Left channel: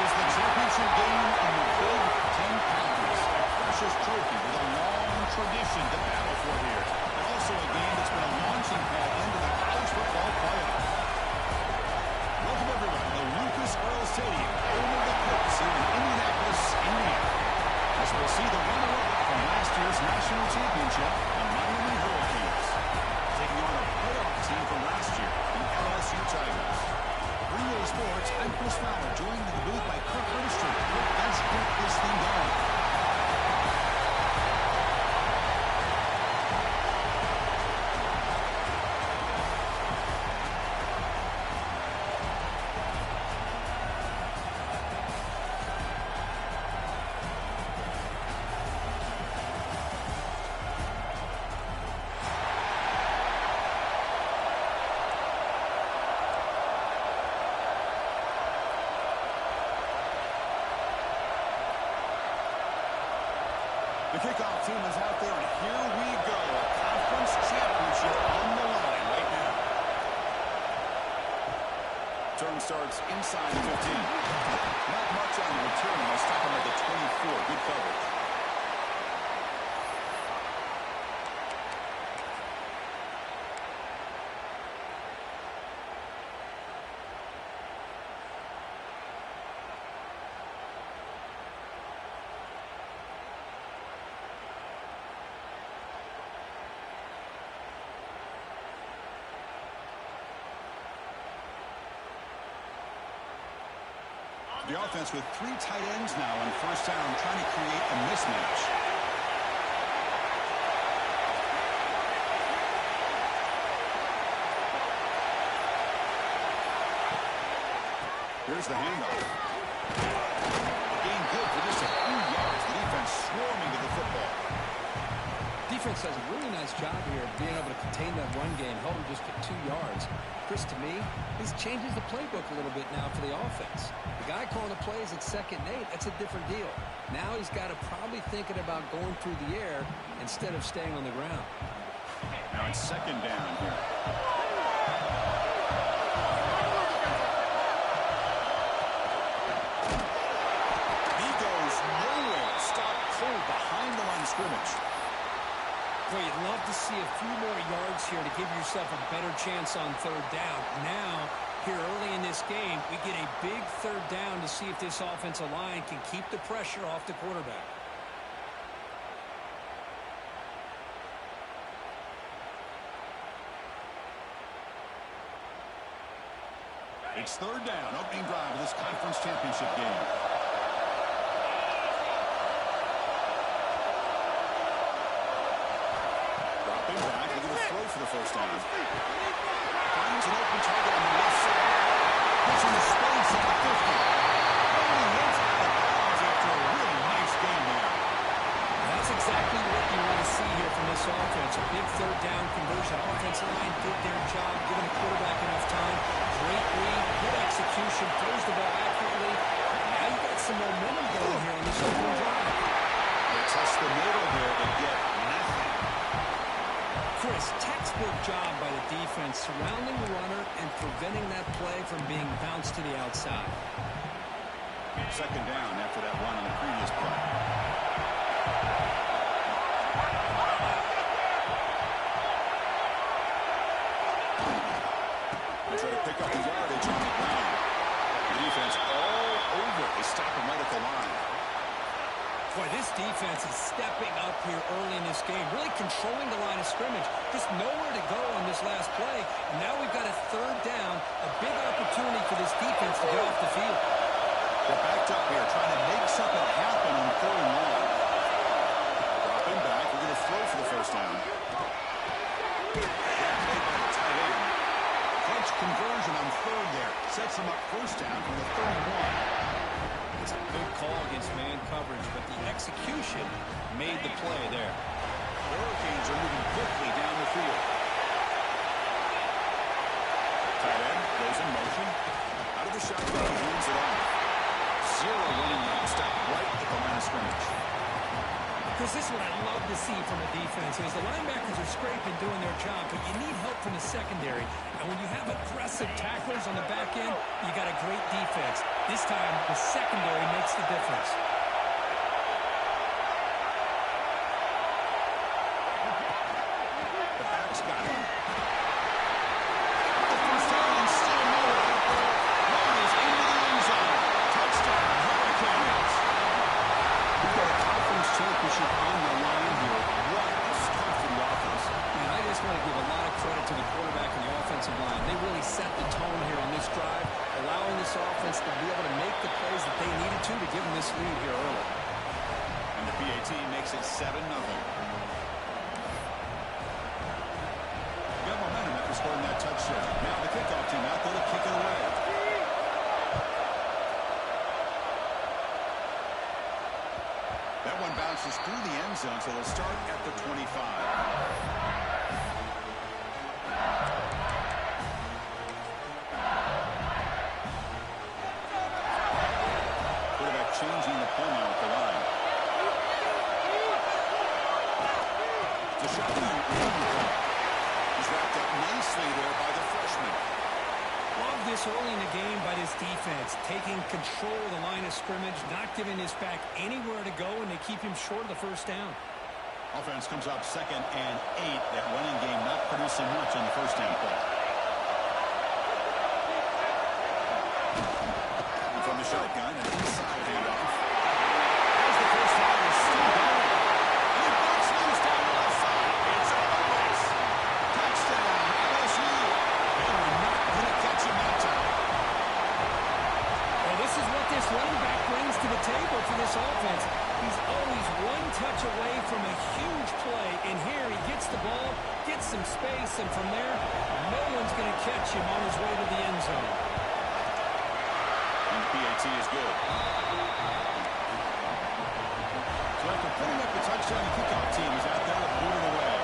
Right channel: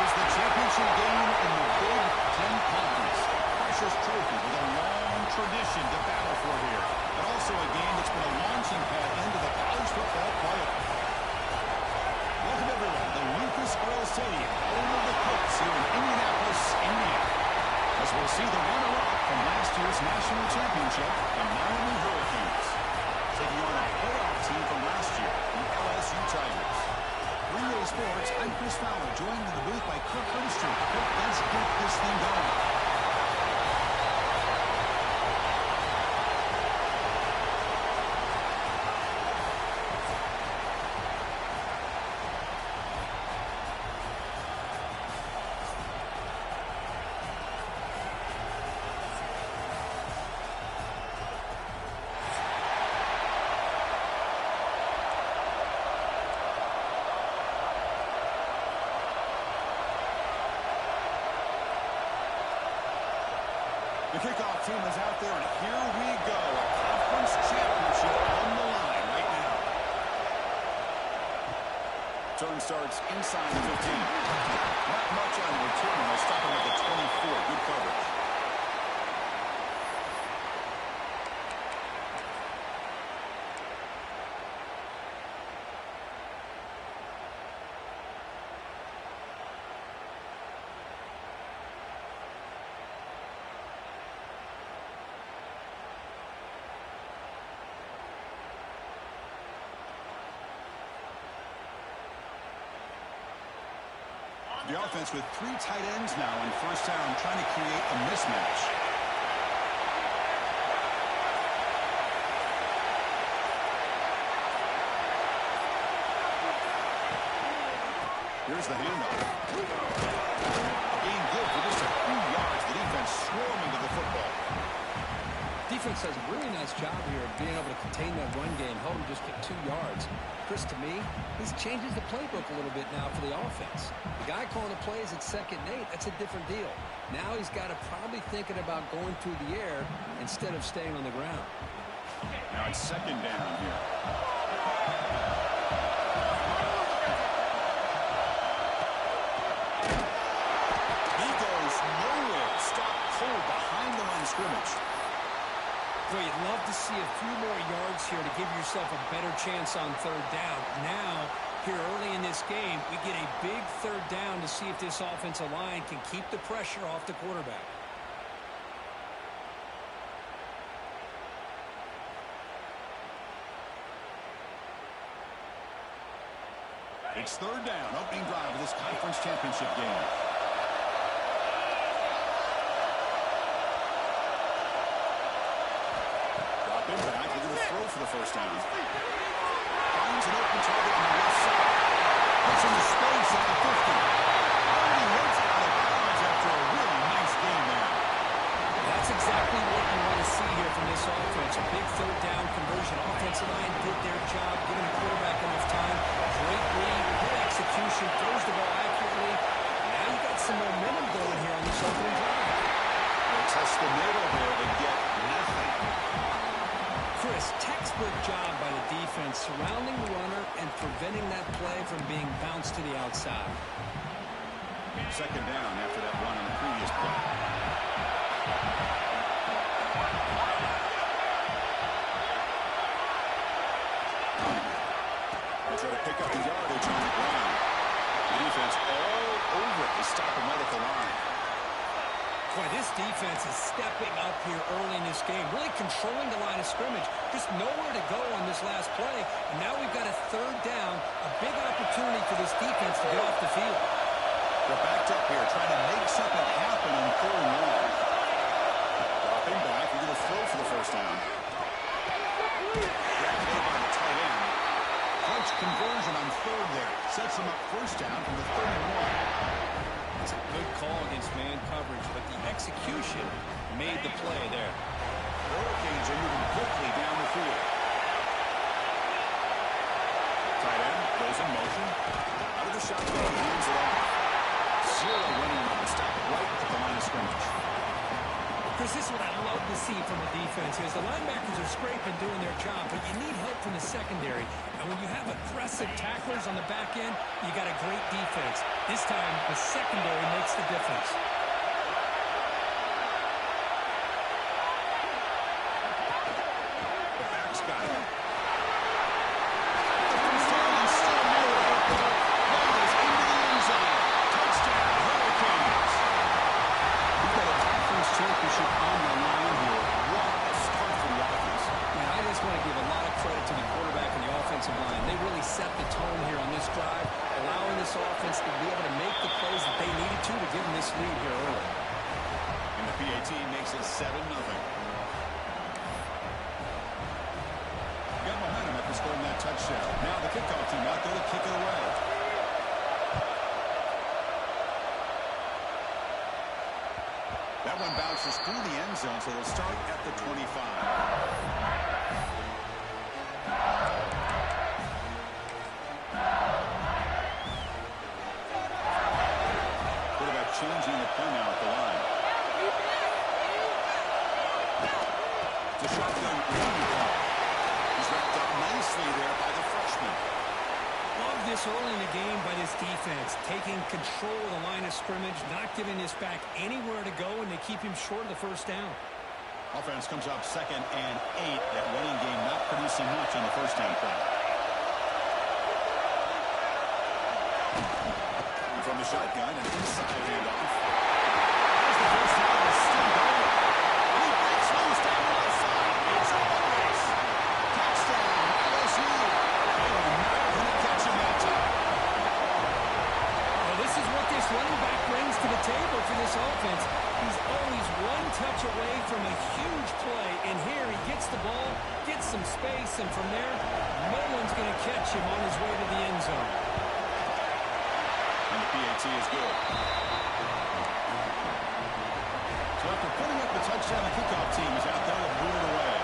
is the championship game in the Big Ten Conference. Precious trophy with a long tradition to battle for here. And also a game that's been a launching pad into the college football playoff. Welcome, everyone, to Lucas Oil Stadium, home of the Colts here in Indianapolis, Indiana. As we'll see the runner-up from last year's national championship, the Miami Hurricanes, taking on a playoff team from last year, the LSU Tigers. 3A Sports, I'm Chris Fowler, joined in the booth by Kirk Herbstreit. Kirk, let's get this thing going. The kickoff team is out there, and here we go. A conference championship on the line right now. Turn starts inside the 15. Not much on the return. They'll stop him at the 24. Good coverage. The offense with 3 tight ends now on first down, trying to create a mismatch. Here's the handoff. A gain good for just a few yards. The defense swarming to the football. Defense does a really nice job here of being able to contain that run game, hold them just at 2 yards. Chris, to me, this changes the playbook a little bit now for the offense. The guy calling the plays at 2nd and 8, that's a different deal. Now he's got to probably thinking about going through the air instead of staying on the ground. Now it's 2nd down here. He goes nowhere. Stop cold behind the line of scrimmage. Boy, you'd love to see a few more yards here to give yourself a better chance on 3rd down. Now, here early in this game, we get a big 3rd down to see if this offensive line can keep the pressure off the quarterback. It's 3rd down, opening drive of this conference championship game. Back, looking to throw for the first down. Finds an open target on the left side. Puts into space at the 50. Holding hits out of bounds after a really nice game there. That's exactly what you want to see here from this offense. A big 3rd down conversion. Offensive line did their job, giving the quarterback enough time. Great read, good execution, throws the ball accurately. Now you got some momentum going here on this opening drive. They test the middle there to get nothing. Chris, textbook job by the defense surrounding the runner and preventing that play from being bounced to the outside. 2nd down after that run on the previous play. They try to pick up the yardage on the ground. The defense all over it. They stop him right at the line. Boy, this defense is stepping up here early in this game, really controlling the line of scrimmage. Just nowhere to go on this last play. And now we've got a 3rd down, a big opportunity for this defense to get off the field. They're backed up here, trying to make something happen on 3rd and long. Dropping back, we're going to throw for the first down. That play by the tight end. Clutch conversion on 3rd there. Sets them up first down from the 31. It's a good call against man coverage, but the execution made the play there. The Hurricanes are moving quickly down the field. Tight end goes in motion. Out of the shotgun, hands it off. 0 running room. Stop right at the line of scrimmage. Chris, this is what I love to see from a defense is the linebackers are scraping, doing their job, but you need help from the secondary. And when you have aggressive tacklers on the back end, you got a great defense. This time, the secondary makes the difference. The back's got it. The first down and still more. Ball is into the end zone. Touchdown, Hurricanes. We've got a conference championship on the line here. What a start for the offense. Man, I just want to give a lot of credit to the quarterback and the offensive line. They really set the tone here on this drive, allowing this offense to be able to make the plays that they needed to give them this lead here early. And the PAT makes it 7-0. Got momentum after scoring that touchdown. Now the kickoff team out there to kick it away. That one bounces through the end zone, so they'll start at the 25. Quarterback changing the play now at the line. It's a shotgun running play. He's wrapped up nicely there by the freshman. Love this early in the game by this defense, taking control of the line of scrimmage, not giving this back anywhere to go, and they keep him short of the first down. Offense comes up 2nd and 8. That running game not producing much on the first down play. And from the shotgun, an inside handoff. There's the first down. Is still going. And he breaks loose down the left side. It's all a race. Touchdown, LSU. They were not going to catch him that time. Well, this is what this running back brings to the table for this offense. He's always one touch away from a huge play, and here he gets the ball, gets some space, and from there, no one's going to catch him on his way to the end zone. And the PAT is good. So after putting up the touchdown, the kickoff team is out there to boot it away.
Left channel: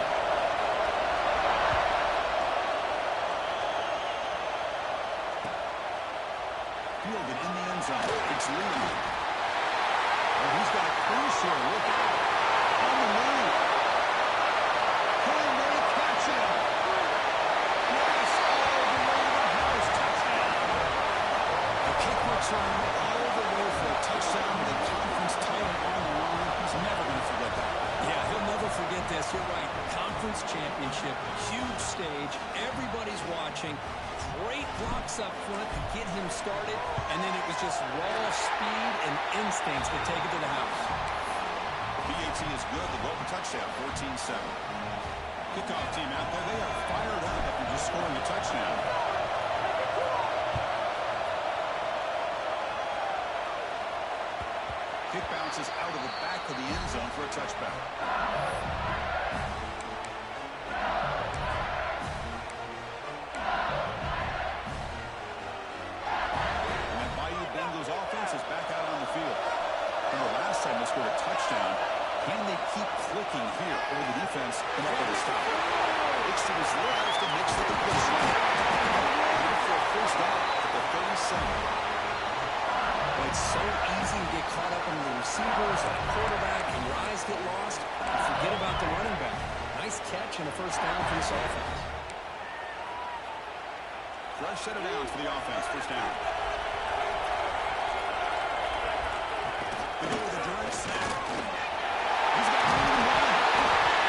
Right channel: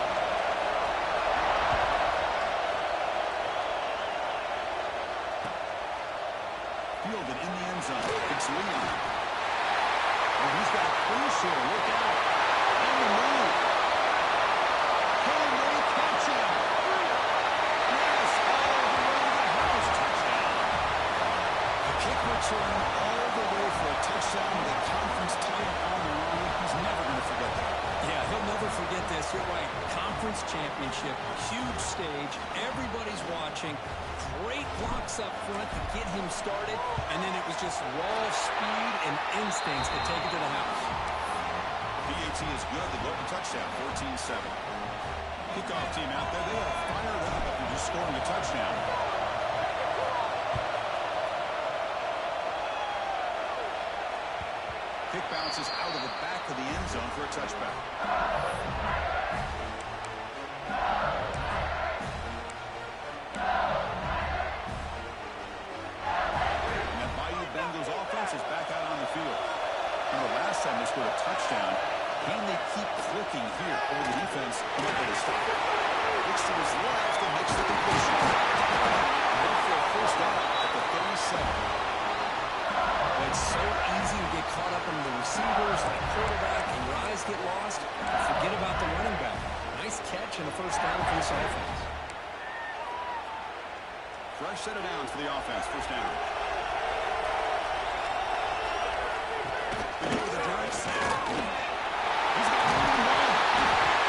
Fielded in the end zone. It's Leon. Oh, he's got a cruise here. Look out. On the move. Can they catch him? Yes, all the way to the house. Touchdown. A kick return all the way for a touchdown with a conference title on the line. He's never going to forget that. Yeah, he'll never forget this. You're right. Conference championship, huge stage. Everybody's watching. Great blocks up front to get him started, and then it was just raw speed and instincts to take it to the house. PAT is good. They go up a touchdown, 14-7. Kickoff team out there. They are fired up after just scoring a touchdown. Kick bounces out of the back of the end zone for a touchback. Bengals offense is back out on the field. Remember last time they scored a touchdown. Can they keep clicking here, or the defense come up with a stop? Looks to his left and makes the completion. Ready for a first down at the 37. Well, it's so easy to get caught up on the receivers and the quarterback, and your eyes get lost. You forget about the running back. Nice catch and a first down for this offense. Fresh set of downs for the offense. First down. They go with a drive snap. He's got room to run.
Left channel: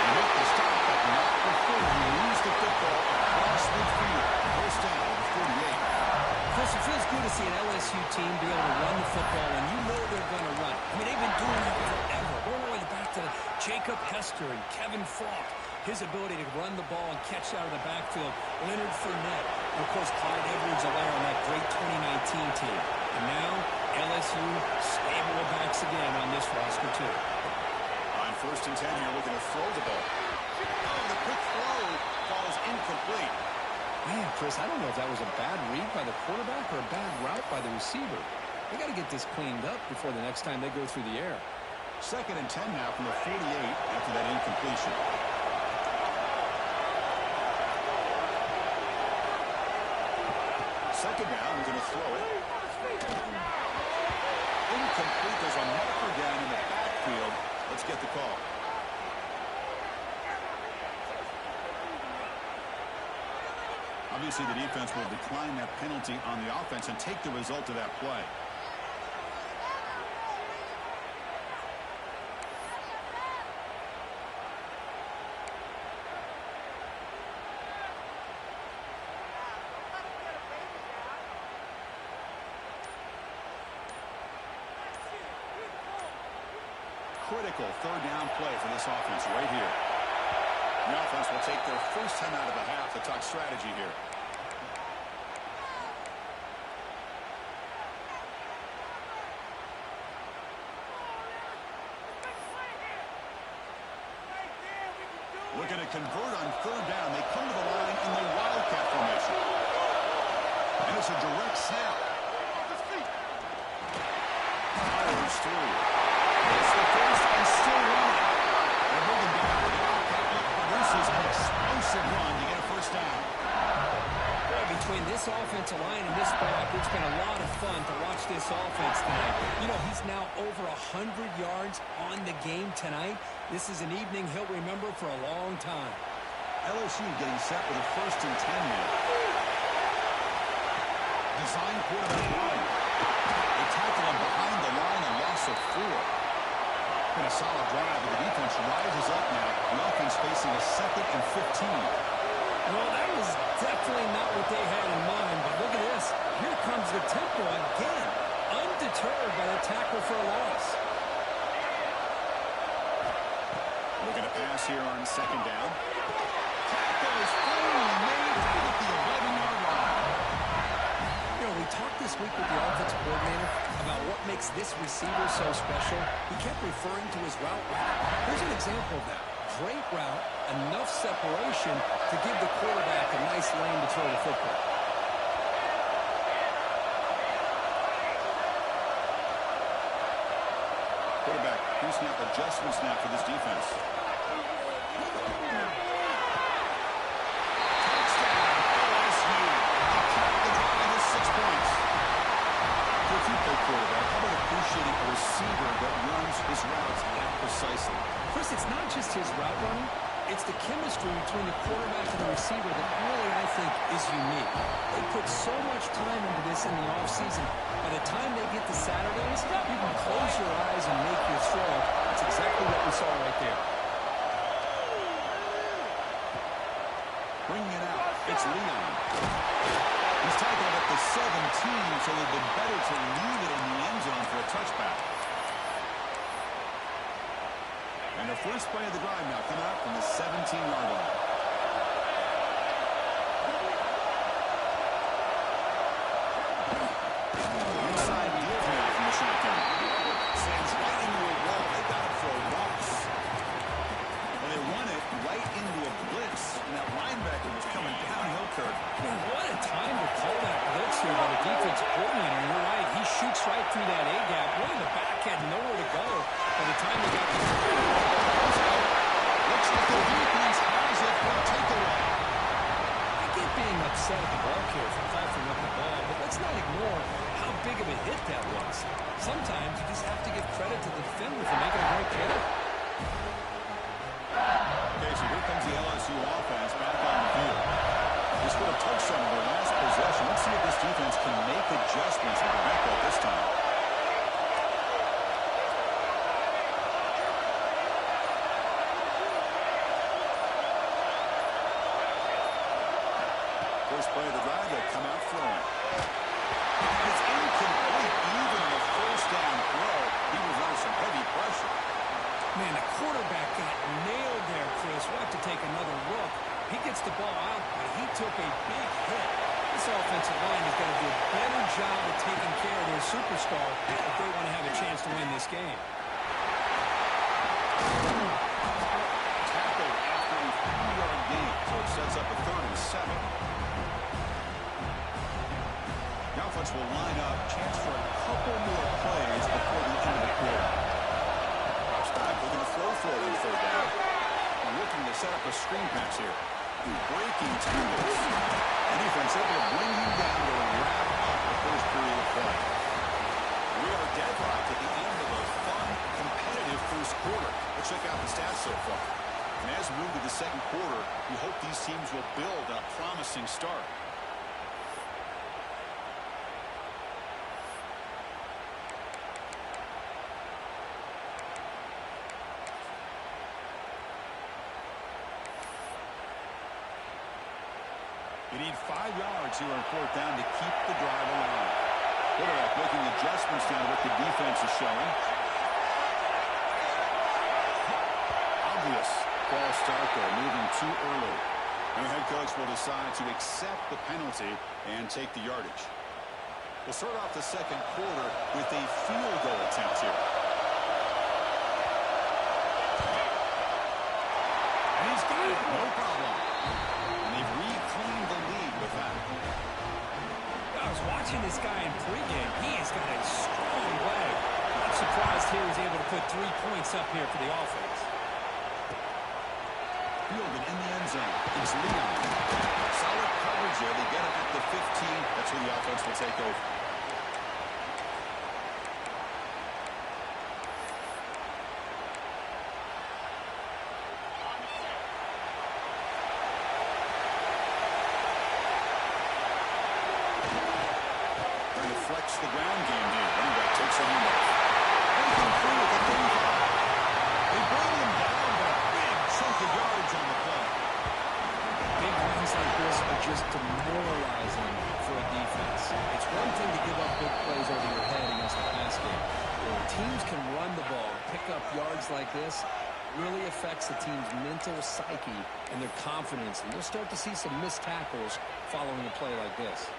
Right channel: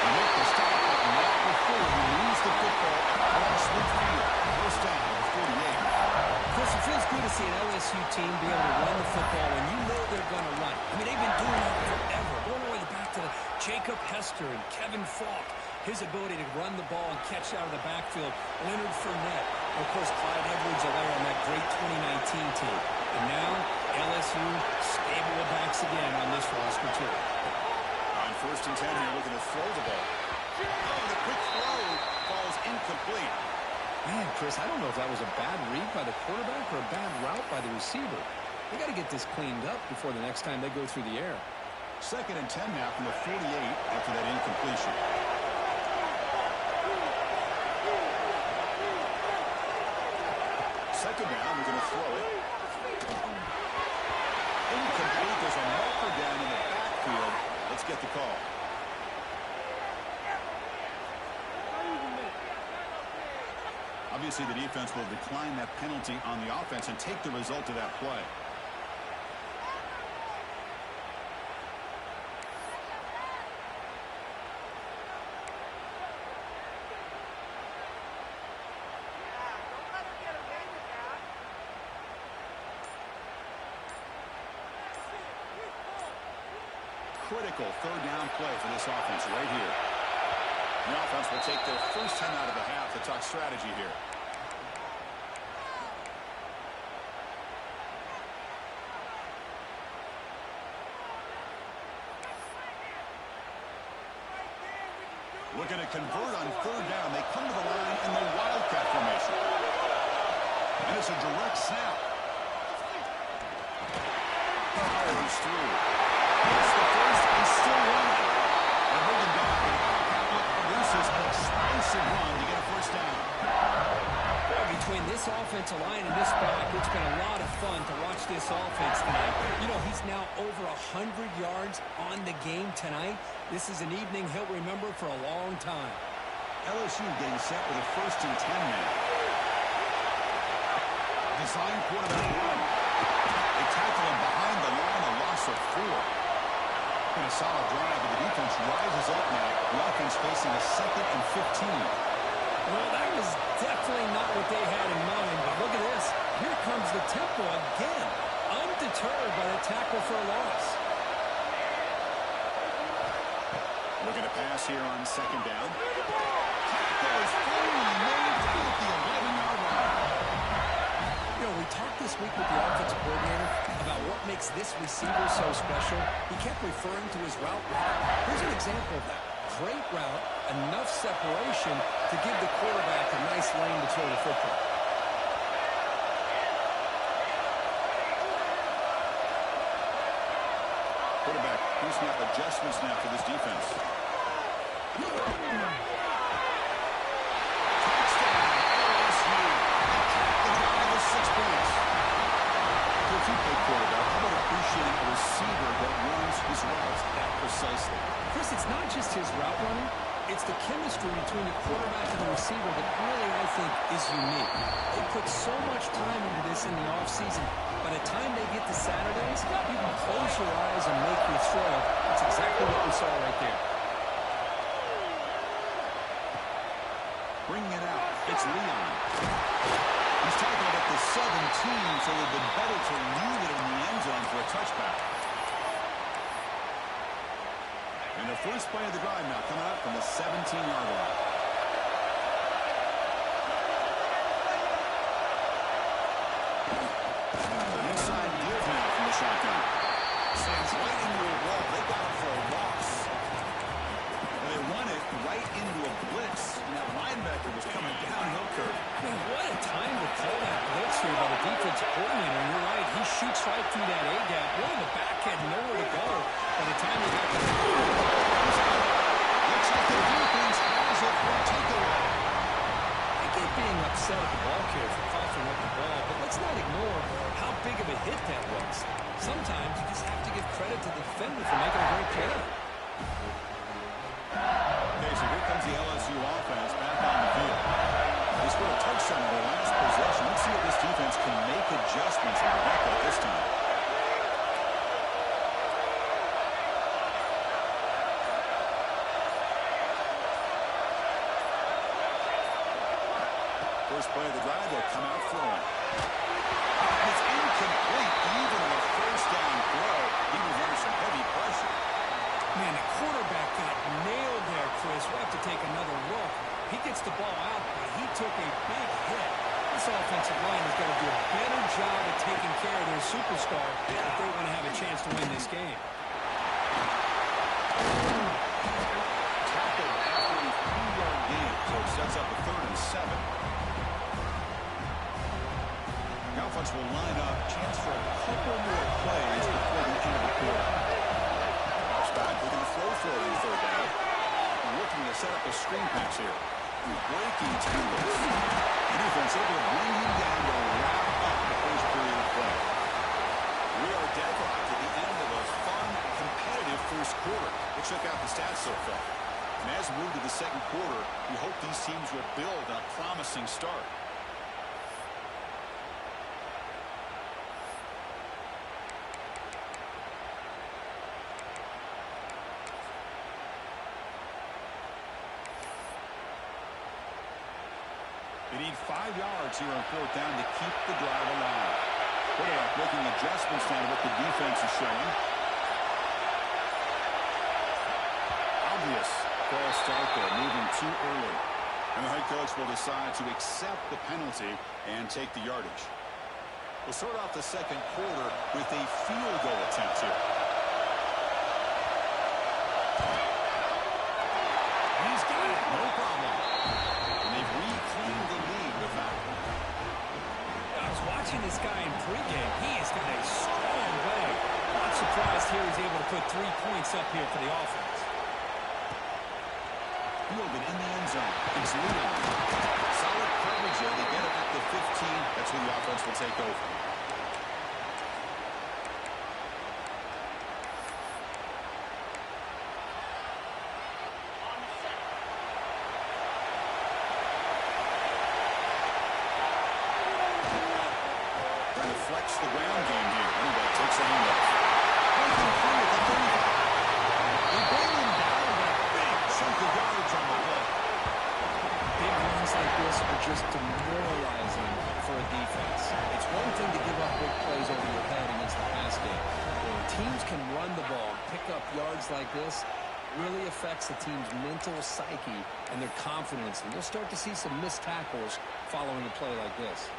They make the stop, but not before he moves the football across midfield. First down at the 48. Chris, it feels good to see an LSU team be able to run the football, and you know they're going to run. I mean, they've been doing that forever. Going all the way back to Jacob Hester and Kevin Falk. His ability to run the ball and catch out of the backfield. Leonard Fournette. And, of course, Clyde Edwards-Helaire on that great 2019 team. And now, LSU stable of backs again on this roster, too. On 1st and 10 here, looking to throw the ball. Oh, the quick throw falls incomplete. Man, Chris, I don't know if that was a bad read by the quarterback or a bad route by the receiver. They got to get this cleaned up before the next time they go through the air. 2nd and 10 now from the 48 after that incompletion. Second down, they're going to throw it. Incomplete. There's a marker down in the backfield. Let's get the call. Obviously, the defense will decline that penalty on the offense and take the result of that play. Critical third down play for this offense right here. The offense will take their first time out of the half to talk strategy here. Looking to convert on third down. They come to the line in the Wildcat formation. And it's a direct snap. Powers through. It's the first and still running. They're moving down. The Wildcat look produces an explosive run to get a first down. Boy, between this offensive line and this back, it's been a lot of fun to watch this offense tonight. You know, he's now over 100 yards on the game tonight. This is an evening he'll remember for a long time. LSU getting set with a 1st and 10 now. Design quarterback run. They tackle him behind the line, a loss of 4. Been a solid drive, but the defense rises up now. The offense facing a 2nd and 15. Well, that was definitely not what they had in mind, but look at this. Here comes the tempo again, undeterred by the tackle for a loss. Looking to pass here on 2nd down. Tackle is finally made at the 11-yard line. You know, we talked this week with the offensive coordinator about what makes this receiver so special. He kept referring to his route running. Here's an example of that. Great route, enough separation to give the quarterback a nice lane to throw the football. Quarterback pre-snap adjustments now for this defense. Touchdown, LSU. They cap the drive with 6 points. So if you play quarterback, how about appreciating a receiver that runs his routes that precisely? Chris, it's not just his route running. It's the chemistry between the quarterback and the receiver that really, I think, is unique. They put so much time into this in the offseason. By the time they get to Saturdays, you can close your eyes and make your throw. That's exactly what we saw right there. Bringing it out, it's Leon. He's tackled at the 17, so it would have been better to leave it in the end zone for a touchback. And the first play of the drive now coming up from the 17-yard line. Inside give now from the shotgun. Sends right into a wall. They got him for a loss. And they run it right into a blitz. And that linebacker was coming downhill, Kirk. Man, what a time to call that blitz here by the defensive coordinator. And you're right, he shoots right through that A-gap. Really, the back had nowhere to go by the time they got the comes out. Looks like the defense has it for a takeaway. I get being upset at the ball carrier for coughing up the ball, but let's not ignore how big of a hit that was. Sometimes you just have to give credit to the defender for making a great play. Okay, so here comes the LSU offense back on the field. They scored a touchdown in their last possession. Let's see if this defense can make adjustments to prevent that this time. First play of the drive, they'll come out throwing. And it's incomplete even on a first down throw. He was under some heavy pressure. Man, the quarterback got nailed there, Chris. We'll have to take another look. He gets the ball out, but he took a big hit. This offensive line has got to do a better job of taking care of their superstar if they want to have a chance to win this game. Tackled after a 3-yard gain, so it sets up a 3rd and 7. The offense will line up, chance for a couple more plays before the end of the quarter. Drops back, looking to throw for it on 3rd down. Looking to set up a screen pass here. Breaking tackles. The defense able to bring him down to wrap up the first period of play. We are deadlocked at the end of a fun, competitive first quarter. Let's check out the stats so far. And as we move to the second quarter, we hope these teams will build on a promising start. They need 5 yards here on 4th down to keep the drive alive. Quarterback making adjustments now to what the defense is showing. Obvious false start there, moving too early. And the head coach will decide to accept the penalty and take the yardage. We'll start off the second quarter with a field goal attempt here. And he's got it, no problem. And they've reclaimed the lead with that. I was watching this guy in pregame. He has got a strong leg. Not surprised here he's able to put 3 points up here for the offense. Fielded in the end zone. It's Leon. Solid coverage there. They get him at the 15. That's where the offense will take over. Trying to flex the ground game here. Running back takes the handoff. Anything free at the 35. They bring him down, but a big chunk of yardage on the play. Big runs like this are just demoralizing for a defense. It's one thing to give up big plays over your head against the pass game. When teams can run the ball, pick up yards like this, really affects the team's mental psyche and their confidence. And you'll start to see some missed tackles following a play like this.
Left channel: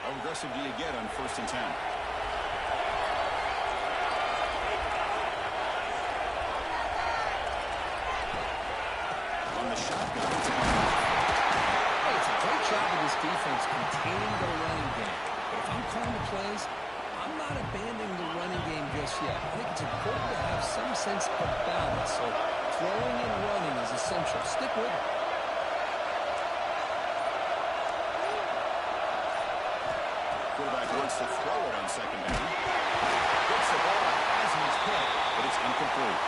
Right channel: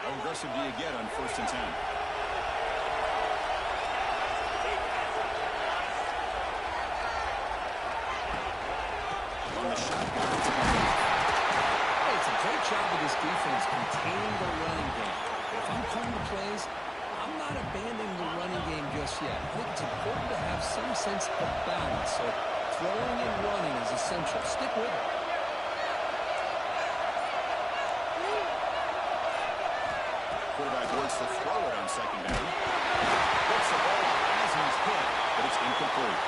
How aggressive do you get on 1st and 10? On the shotgun. Hey, it's a great job of this defense containing the running game. But if I'm calling the plays, I'm not abandoning the running game just yet. I think it's important to have some sense of balance. So throwing and running is essential. Stick with it. Quarterback wants to throw it on 2nd down. Gets the ball off as he's hit, but it's incomplete.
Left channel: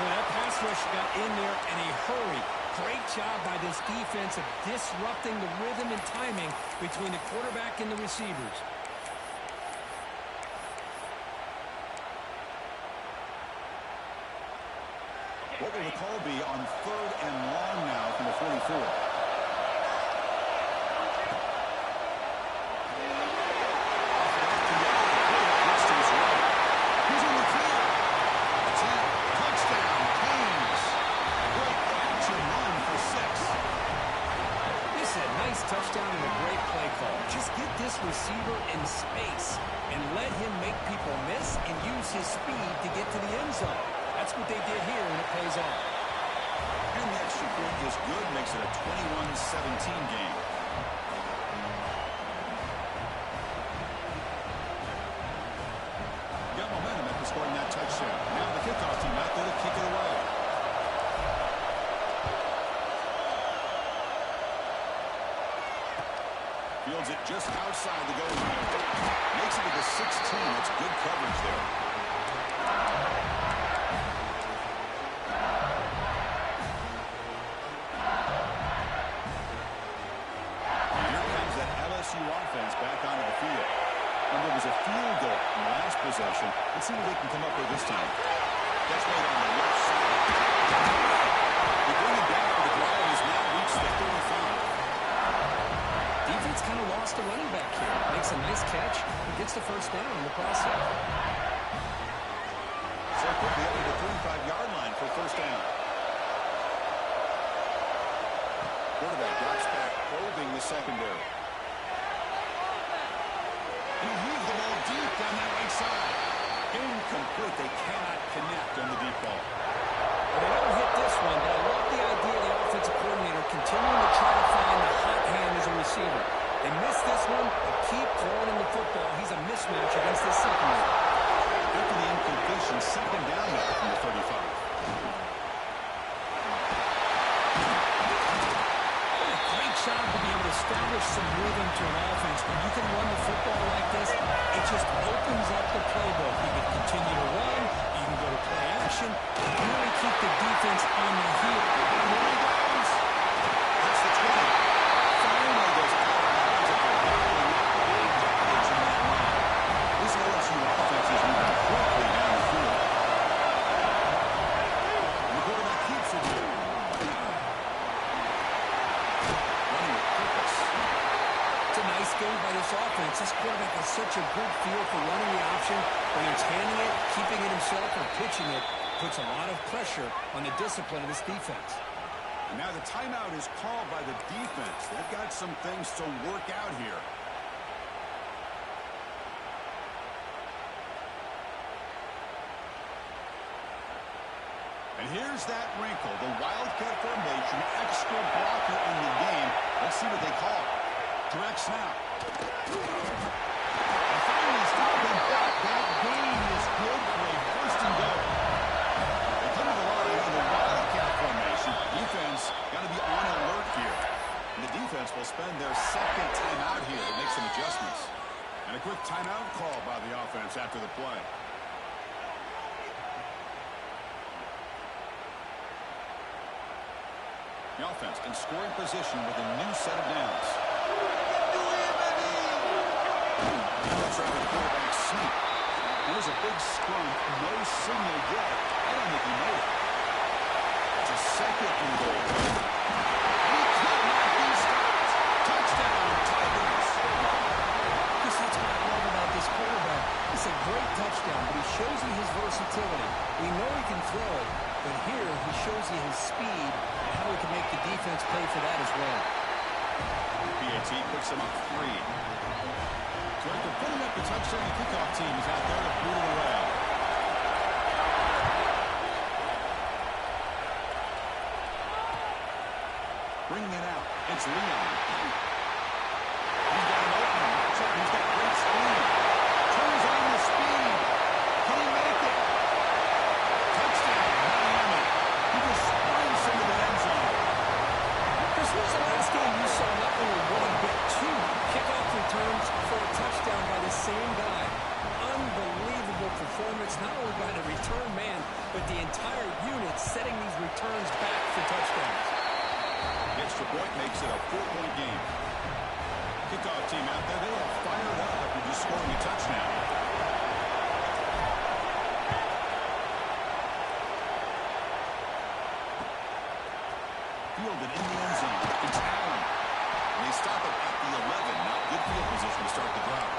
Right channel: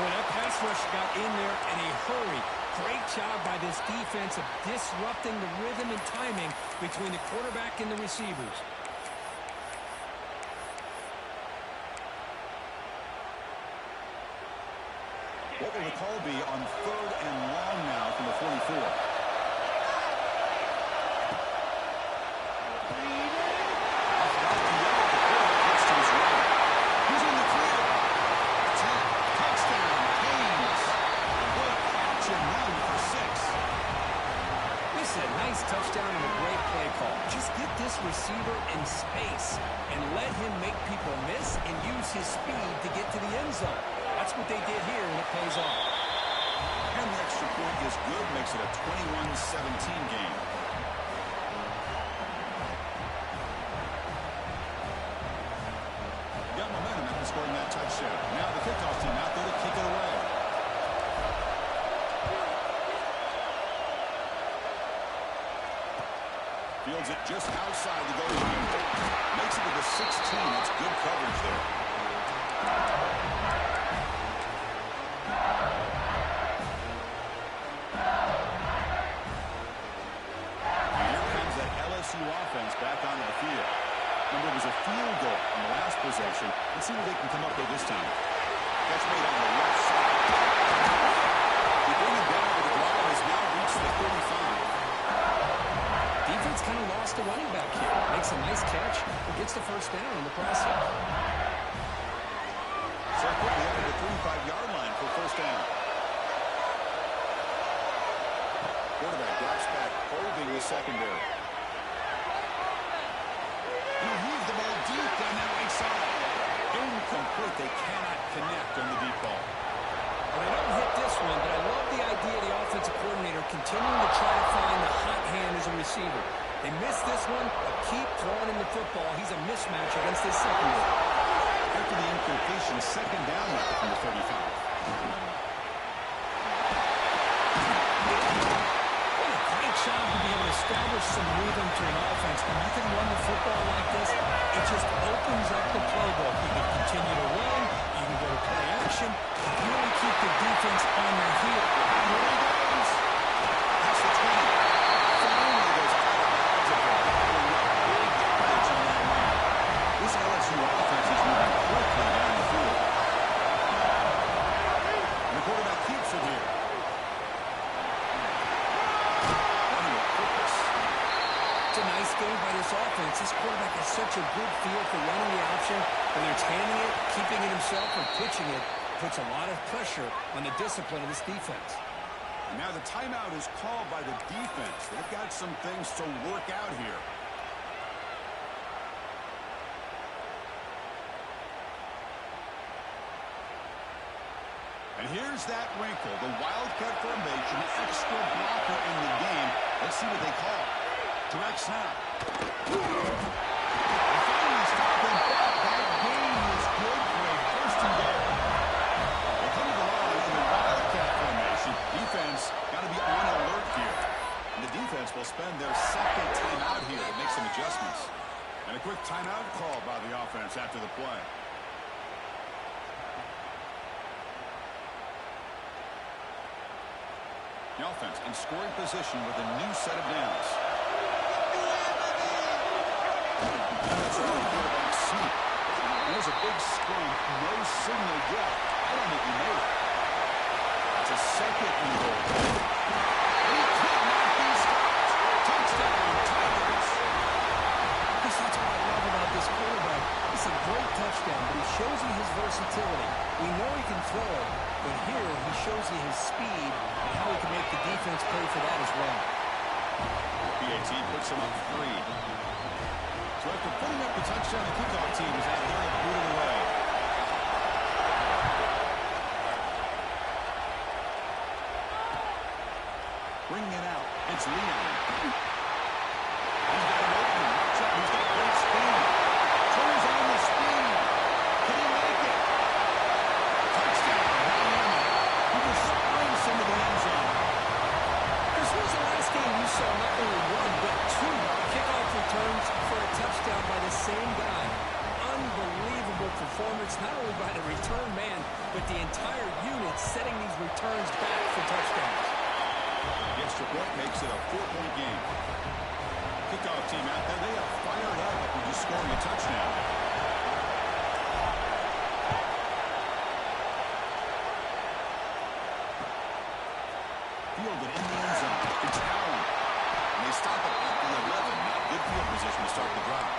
Well, that pass rush got in there in a hurry. Great job by this defense of disrupting the rhythm and timing between the quarterback and the receivers. What will the call be on 3rd and long now from the 44? He's in the clear. Touchdown, Canes. A great catch and run for 6. This is a nice touchdown and a great play call. Just get this receiver in space and let him make people miss and use his speed to get to the end zone. That's what they did here, and it pays off. And the extra point is good, makes it a 21-17 game. Got momentum after scoring that touchdown. Now the kickoff team out there to kick it away. Fields it just outside the goal line. Makes it to the 16. That's good coverage there. And here comes that LSU offense back onto the field. Remember, it was a field goal in the last possession. Let's see what they can come up with this time. That's made on the left side. They bring it down, but the drive has now reached the 35. Defense kind of lost a running back here. Makes a nice catch and gets the 1st down in the process. So quickly up to the 35-yard line for 1st down. Quarterback drops back, probing the secondary. He'll heave the ball deep down that right side. Incomplete. They cannot connect on the deep ball. Well, they don't hit this one, but I love the idea of the offensive coordinator continuing to try to find the hot hand as a receiver. They missed this one, but keep throwing him the football. He's a mismatch against this secondary. After the incompletion, 2nd down now from the 35. Job to be able to establish some rhythm to an offense. When you can run the football like this, it just opens up the playbook. You can continue to run, you can go to play action, really keep the defense on their heel. Here he goes. That's the 20. Finally goes out of bounds after gobbling up big yardage on that run. This LSU offense is moving quickly down the field. And the quarterback keeps it this offense, this quarterback has such a good feel for running the option. Whether it's handing it, keeping it himself, or pitching it, puts a lot of pressure on the discipline of this defense. And now the timeout is called by the defense. They've got some things to work out here. And here's that wrinkle, the Wildcat formation, extra blocker in the game. Let's see what they call. Direct snap. And finally stop him back. That gain is good for a first and goal. They come to the line in the Wildcat formation. Defense got to be on alert here. And the defense will spend their second timeout here to make some adjustments. And a quick timeout call by the offense after the play. The offense in scoring position with a new set of downs. Now it's around the quarterback sneak. And there's a big scrum. No signal yet. I don't think he made it. It's a second and goal. And he could not be stopped. Touchdown, Tigers. Chris, that's what I love about this quarterback. It's a great touchdown, but he shows you his versatility. We know he can throw it, but here he shows you his speed and how he can make the defense pay for that as well. PAT puts him up 3. So after putting up the touchdown, the kickoff team is out there to boot it away. Bringing it out, it's Leon. He's got an opening. Watch out, he's got great speed. Turns on the speed. Can he make it? Touchdown, Miami. He just sprints into the end zone. Chris, when was the last game you saw not only 1, but 2 kickoff returns for a touchdown by the same guy? Unbelievable performance, not only by the return man, but the entire unit setting these returns back for touchdowns. The extra point makes it a 4-point game. Kickoff team out there, they are fired up after just scoring a touchdown. Fielded in the end zone. It's Allen. And they stop it at the 11. Not good field position to start the drive.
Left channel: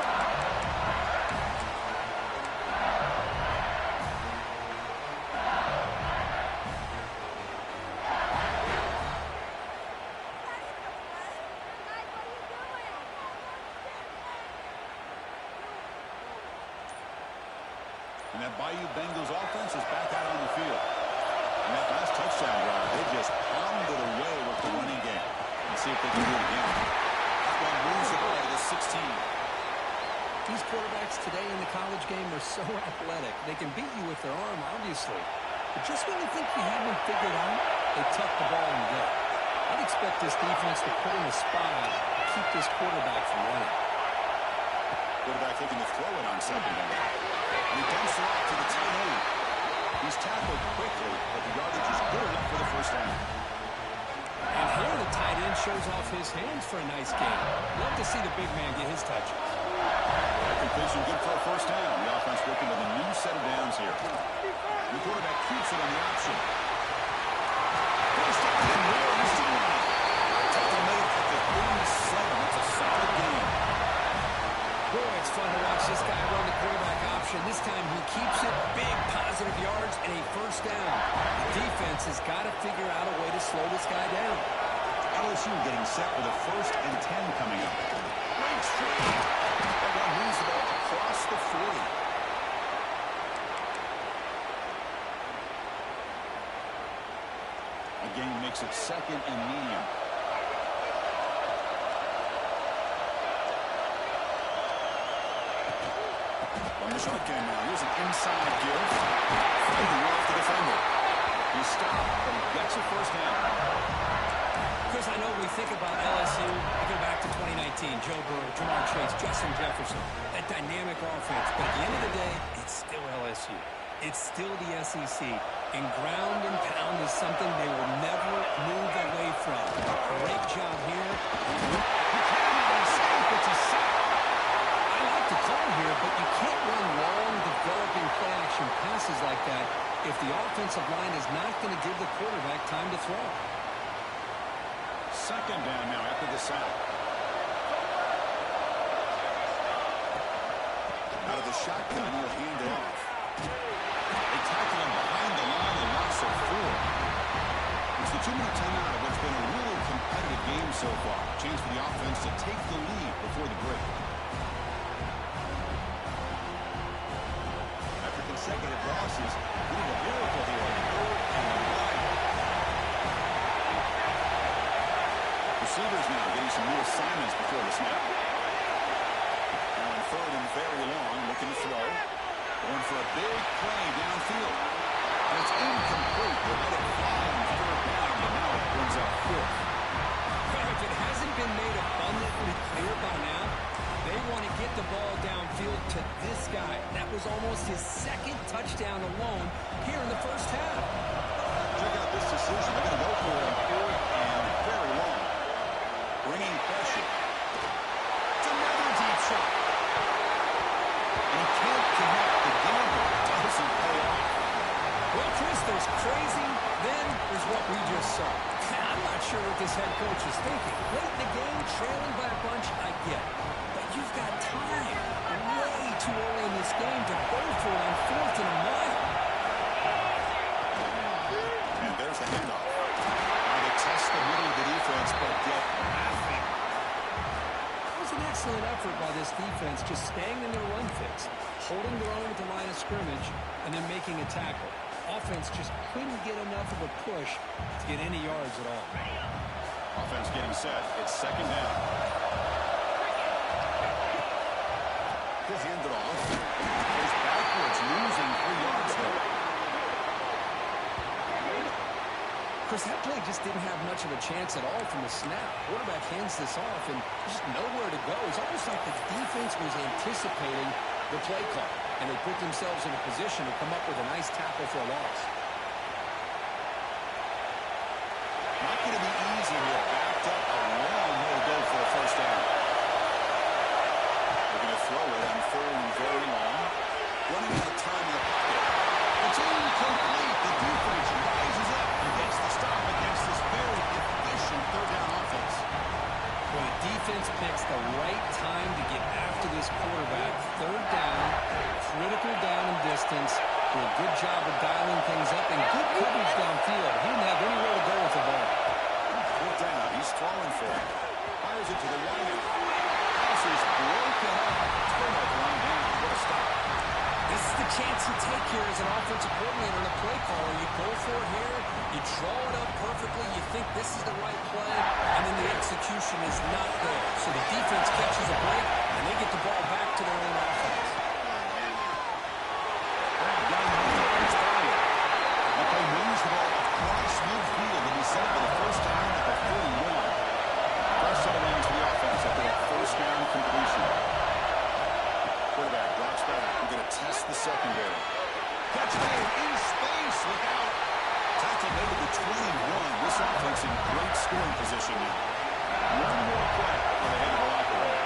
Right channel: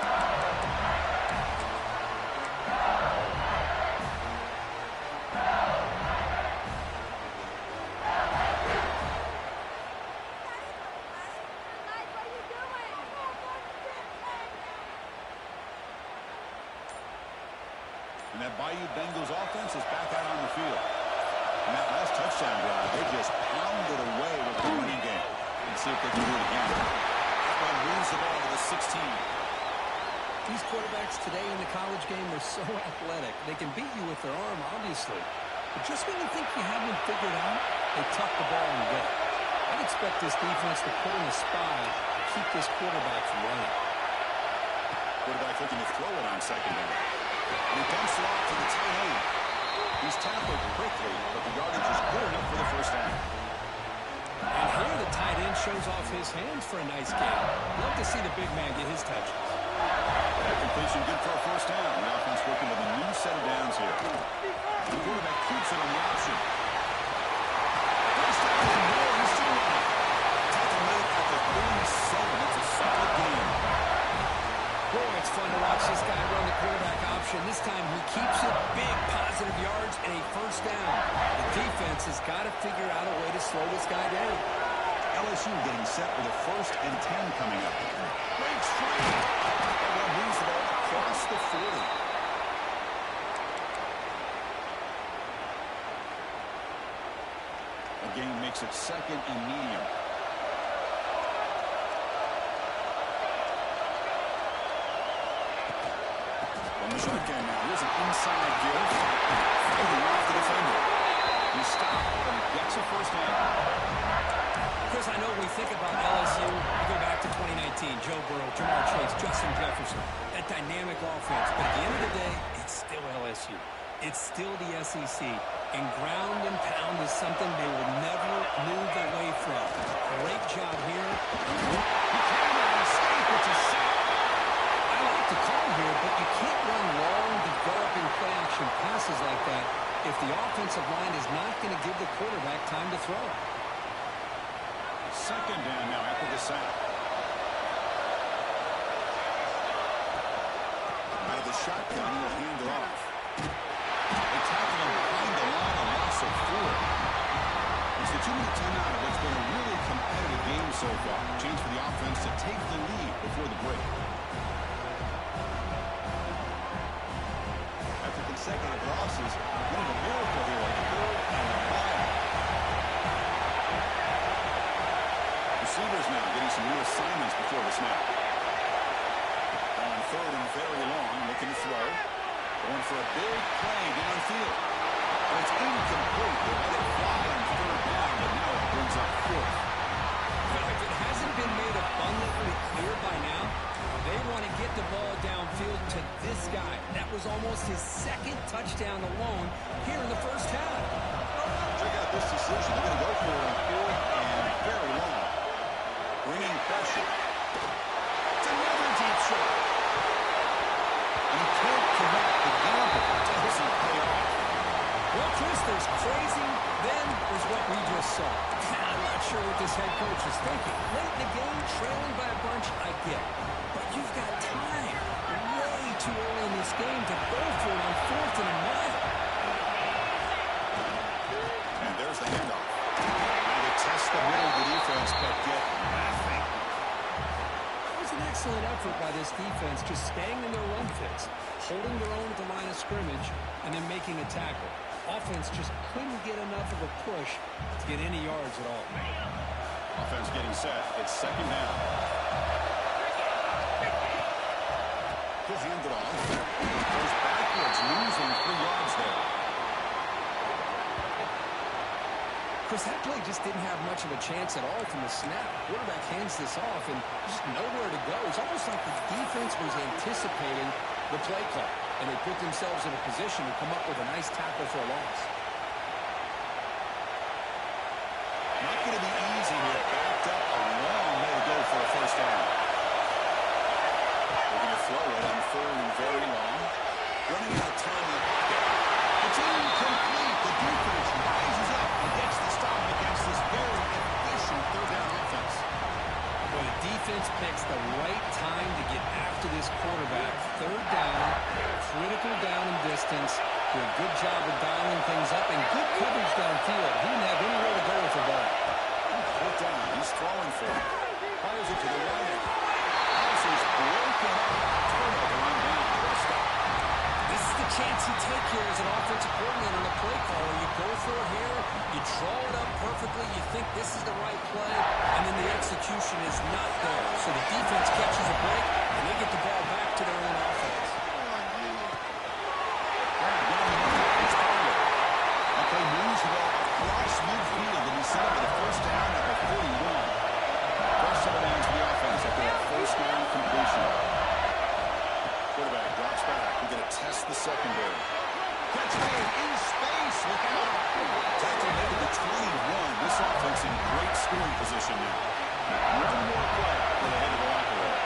And that Bayou Bengals offense is back out on the field. And that last touchdown drive, they just pounded away with the running game. Let's see if they can do it again. That one moves the ball to the 16. These quarterbacks today in the college game are so athletic. They can beat you with their arm, obviously. But just when you think you have them figured out, they tuck the ball and go. I'd expect this defense to put in a spy to keep this quarterback from running. Quarterback looking to throw it on second down. And he dumps it off to the tight end. He's tackled quickly, but the yardage is good enough for the first down. And here the tight end shows off his hands for a nice game. Love to see the big man get his touches. That completion good for a first down. The offense working with a new set of downs here. The quarterback keeps it on the option. First down and more. He's still running. Tough to make at the 37. That's a solid game. Boy, it's fun to watch this guy run the quarterback option. This time he keeps it, big positive yards, and a first down. The defense has got to figure out a way to slow this guy down. LSU getting set with a 1st and 10 coming up. Breaks free. That one moves the ball across the 40. A gain makes it 2nd and medium. On the shotgun now, here's an inside give. Fighting off the defender. He stopped, but he gets a first down. Chris, I know we think about LSU. We go back to 2019, Joe Burrow, Jamar Chase, Justin Jefferson, that dynamic offense. But at the end of the day, it's still LSU. It's still the SEC. And ground and pound is something they will never move away from. Great job here. He cannot escape. It's a sack. I like the call here, but you can't run long, developing play-action passes like that if the offensive line is not going to give the quarterback time to throw. Second down now after the sack. the shotgun. He'll hand it off. They tackle him behind the line, a loss of 4. It's the 2-minute timeout of what's been a really competitive game so far. Chance for the offense to take the lead before the break. After consecutive losses, we need a miracle here on 3rd and 1. Receivers now getting some new assignments before the snap. Now on 3rd and very long, looking to throw. Going for a big play downfield. And it's incomplete. They let it fly on 3rd down, but now it brings up 4th. Well, if it hasn't been made abundantly clear by now, they want to get the ball downfield to this guy. That was almost his 2nd touchdown alone here in the first half. Check out this decision. They're going to go for it on 4th and very long. Bringing pressure. It's another deep shot. And he can't connect. The gamble doesn't pay off. Well, Chris, there's crazy, then there's what we just saw. I'm not sure what this head coach is thinking. Late in the game, trailing by a bunch, I get it. But you've got time, way too early in this game to go for it on 4th and a mile. And there's the handoff. Now they test the middle of the defense, but get nothing. That was an excellent effort by this defense, just staying in their run fits, holding their own at the line of scrimmage, and then making a tackle. Offense just couldn't get enough of a push to get any yards at all. Offense getting set. It's 2nd down. He'll hand it off. Goes backwards, losing 3 yards there. Chris, that play just didn't have much of a chance at all from the snap. Quarterback hands this off and just nowhere to go. It's almost like the defense was anticipating the play call, and they put themselves in a position to come up with a nice tackle for a loss. Not going to be easy here. Backed up a long way to go for a 1st down. They're going to throw it on 3rd and very long. Running out of time in the pocket. It's incomplete. The defense rises up and gets the stop against this very efficient 3rd down offense. Well, the defense picks the right time to get after this quarterback. 3rd down, critical down and distance. Do a good job of dialing things up and good coverage downfield. He didn't have anywhere to go with the ball. Put down. He's throwing for it. Fires it to the right end. Pass is broken up. Turnover on down. What a stop. This is the chance you take here as an offensive coordinator and a play caller. You go for it here, you draw it up perfectly, you think this is the right play, and then the execution is not there. So the defense catches a break, and they get the ball back to their own offense. Down the middle, it's followed. That play moves the ball across midfield, and he set up for the 1st down at the 41. First set of downs for the offense after that 1st down completion. Quarterback drops back. We're going to test the secondary. Catch made in space. Look out. Tackle made to the 21. This offense in great scoring position now. One more play before they head to the locker room.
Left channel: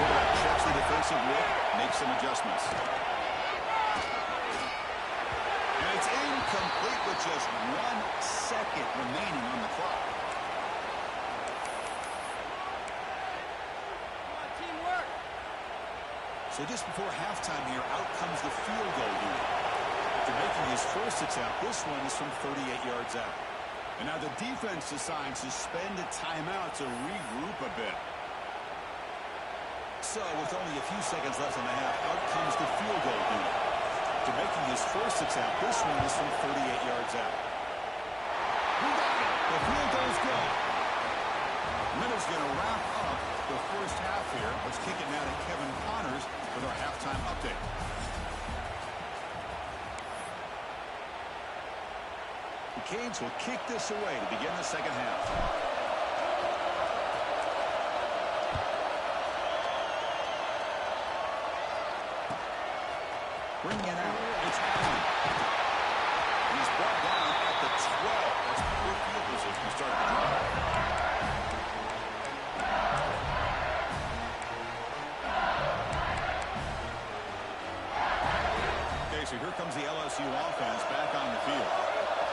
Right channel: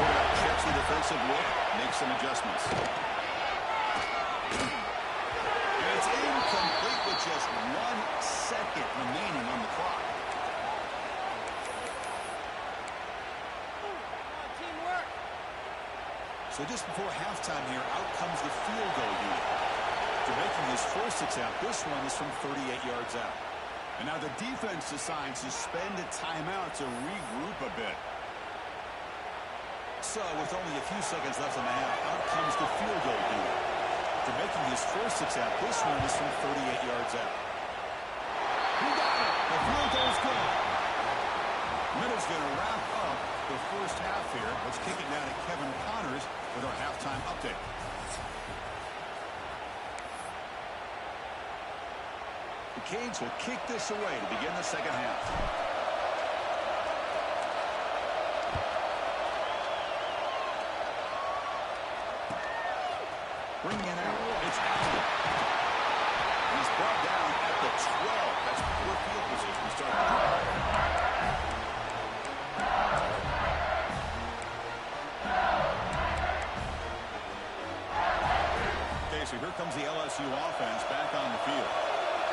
Quarterback checks the defensive look, makes some adjustments. And it's incomplete with just 1 second remaining on the clock. So just before halftime here, out comes the field goal unit. After making his first attempt, this one is from 38 yards out. And now the defense decides to spend a timeout to regroup a bit. So with only a few seconds left in the half, out comes the field goal unit. After making his first attempt, this one is from 38 yards out. Who got it? The field goal's good. Minutes going to wrap up the first half here. Let's kick it now to Kevin Connors with our halftime update. The Canes will kick this away to begin the second half. Bringing it out. It's Allen. And he's brought down at the 12. That's poor field position to start the drive. So here comes the LSU offense back on the field.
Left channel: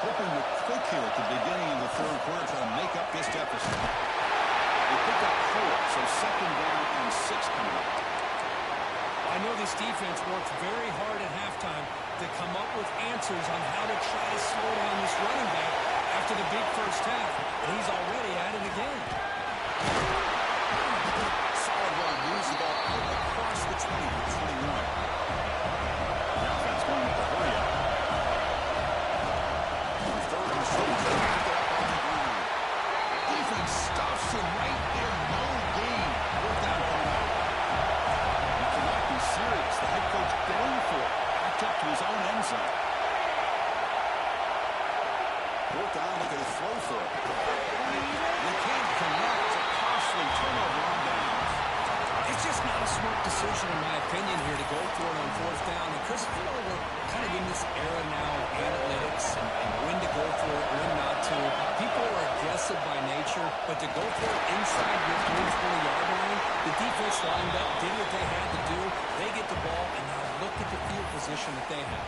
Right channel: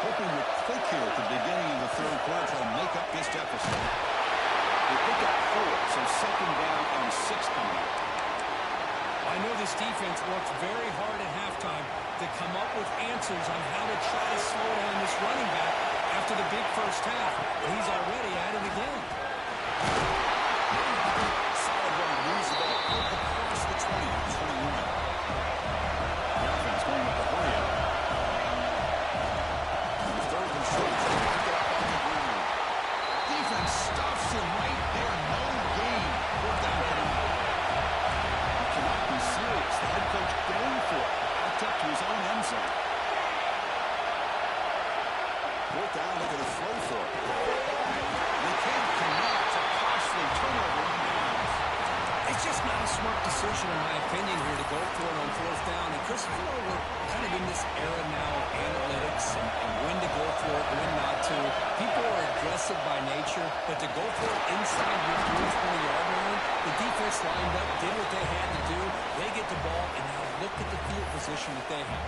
Hoping to click here at the beginning of the 3rd quarter to make up this deficit. The They pick up 4, so second down and 6 coming up. I know this defense worked very hard at halftime to come up with answers on how to try to slow down this running back after the big first half. And he's already at it again. Solid run. Moves the ball out across the 20 to 21. The offense going with the hurry up. Third and short. Back it up on the ground. Defense stuffs him right there. No gain. Fourth down coming up. He cannot be serious. The head coach going for it. Backed up to his own end zone. Fourth down, looking to throw for it. They can't connect. It's a costly turnover on downs. It's just not a smart decision, in my opinion, here to go for it on fourth down. And, Chris, I know we're kind of in this era now of analytics and when to go for it, when not to. People are aggressive by nature, but to go for it inside your 20-yard line, the defense lined up, did what they had to do. They get the ball, and now look at the field position that they have.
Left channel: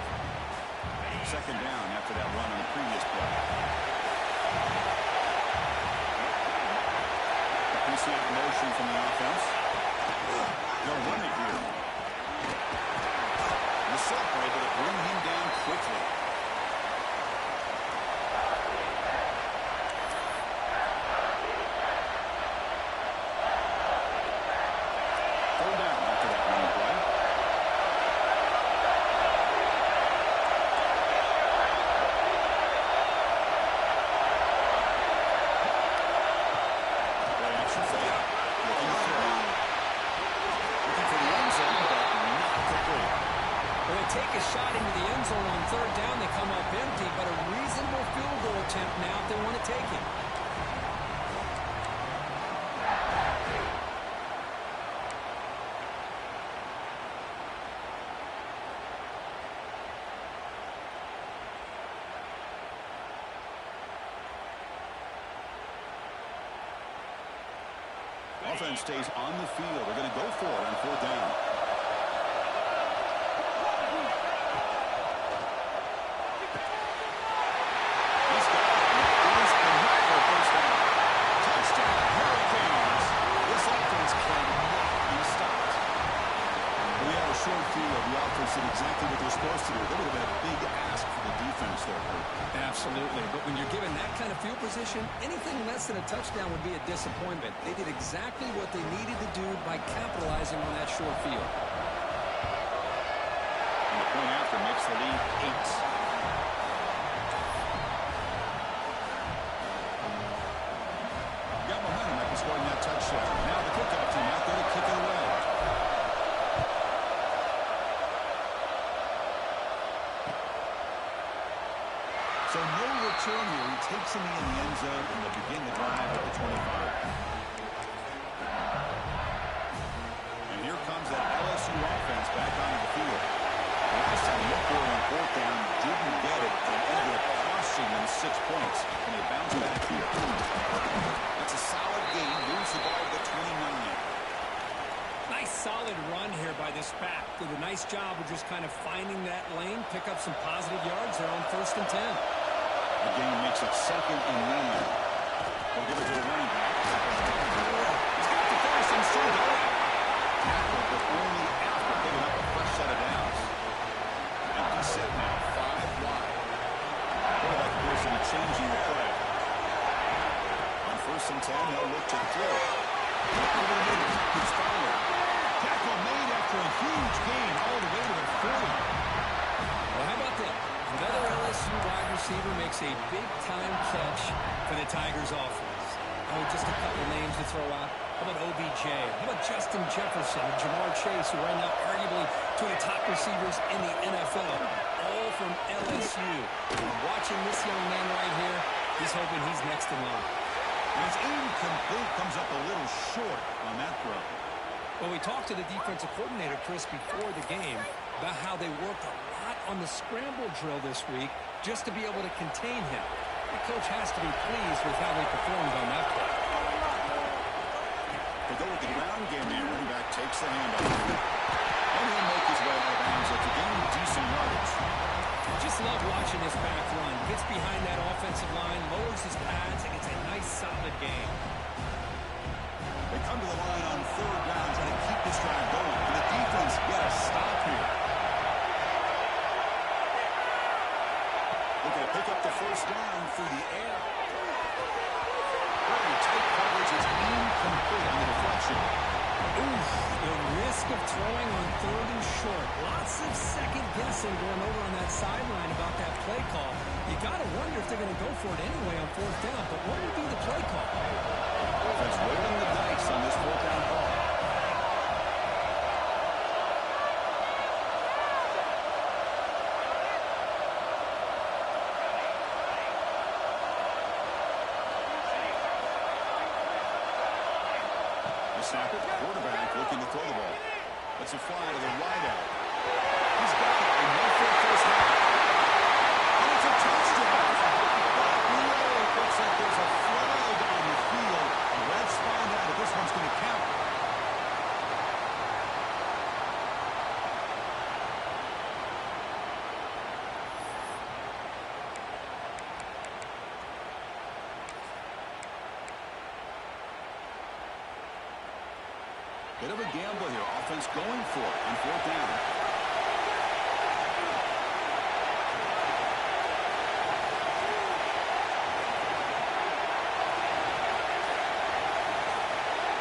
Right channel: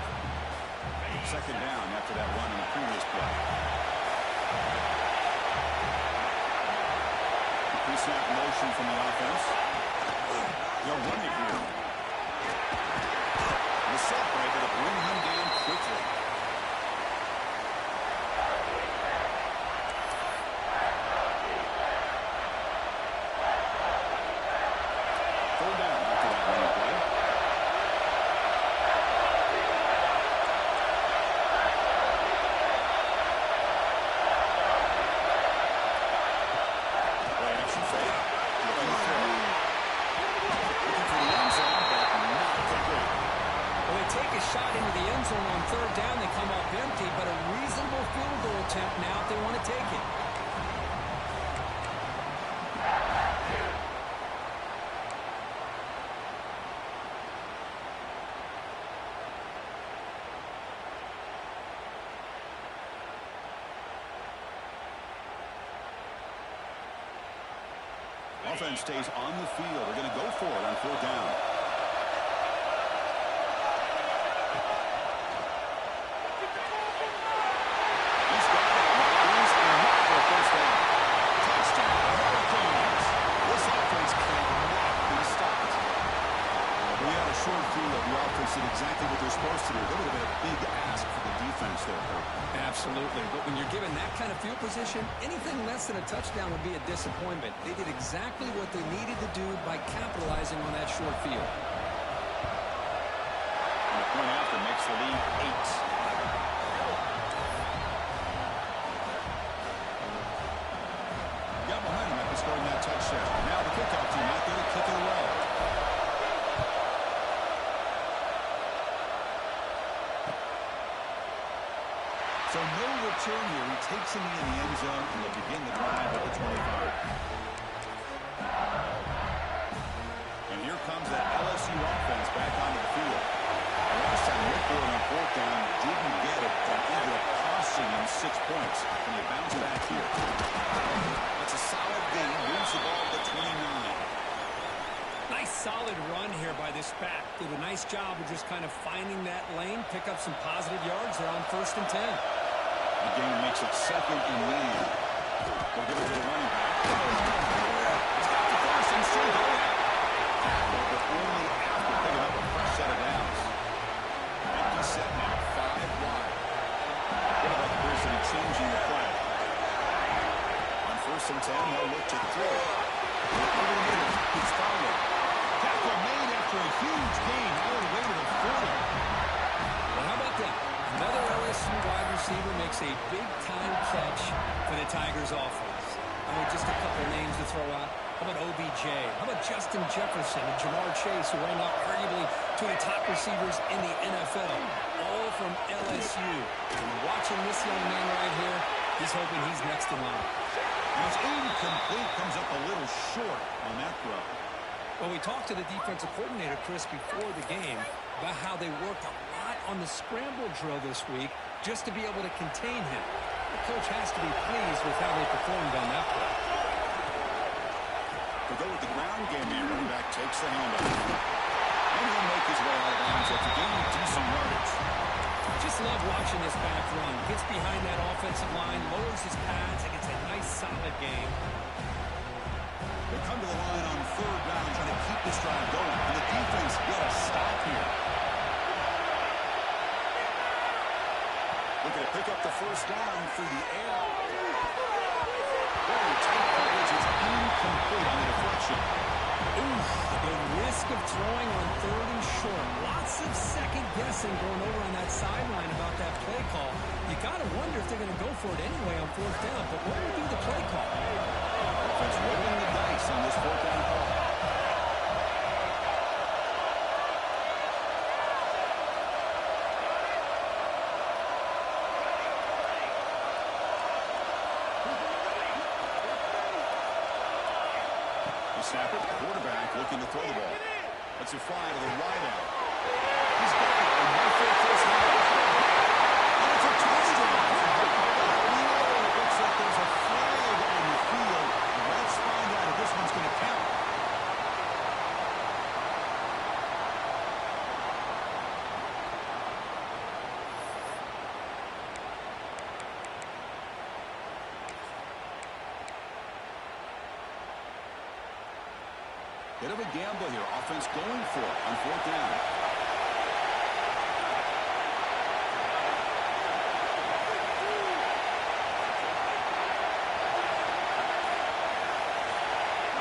Second down after that run on the previous play. The pre-snap motion from the offense. They'll run it here. The Sophomore able to bring him down quickly. Third down after that running play. Play action fake. Looking to throw. Looking for the end zone, but not complete. Well, they take a shot into the end zone on third down. They come up empty, but a reasonable field goal attempt now if they want to take it. Offense stays on the field. They're going to go for it on fourth down. He's got it. That is enough for a first down. Touchdown, Hurricanes. This offense cannot be stopped. We had a short field. The offense did exactly what they're supposed to do. That would have been a big ask for the defense there, Kurt. Absolutely. But when you're given that kind of field position, anything less than a touchdown would be a disappointment. They did exactly what they needed to do by capitalizing on that short field. And the point after makes the lead 8. Got momentum after scoring that touchdown. Now the kickoff team out there to kick it away. So no return here. He takes him in the end zone, and they'll begin the drive at the 25. And here comes that LSU offense back onto the field. The last time they went for it on fourth down, didn't get it, and ended up costing them 6 points. And they bounce back here. That's a solid gain. Moves the ball to the 29. Nice solid run here by this back. Did a nice job of just kind of finding that lane, pick up some positive yards there on first and 10. The game makes it second and 9. They'll give it to the running back. He's got the first and still going. Tackle, but only after picking up a fresh set of downs. Empty set now, 5 wide. Quarterback appears to be changing the play. On first and 10, they'll look to throw. Over the middle, it's Fowler. Tackle made after a huge gain all the way to the 40. Well, how about that? Another LSU wide receiver makes a big-time catch for the Tigers offense. Oh, just a couple names to throw out. How about OBJ? How about Justin Jefferson and Jamar Chase, who right now arguably two of the top receivers in the NFL, all from LSU. And watching this young man right here, he's hoping he's next in line. And it's incomplete, comes up a little short on that throw. Well, we talked to the defensive coordinator, Chris, before the game about how they worked a lot on the scramble drill this week just to be able to contain him. The coach has to be pleased with how they performed on that play. They'll go with the ground game here. Running back takes the handoff. And he'll make his way out of bounds after gaining decent yardage. Just love watching this back run. Gets behind that offensive line, lowers his pads, and gets a nice solid game. come to the line on third down, trying to keep this drive going. And the defense get a stop here. Looking to pick up the first down through the air. Very tight coverage. It's incomplete on the deflection. Oof, the risk of throwing on third and short. Lots of second guessing going over on that sideline about that play call. You got to wonder if they're going to go for it anyway on fourth down, but what would be the play call? Offense rolling the dice on this fourth down call. Snap it, quarterback looking to throw the ball. Lets it fly to the wide out. He's got it, and no fair first down. And it's a touchdown. But really, it looks like there's a flag on the field. The refs find out if this one's going to count. Bit of a gamble here. Offense going for it on fourth down.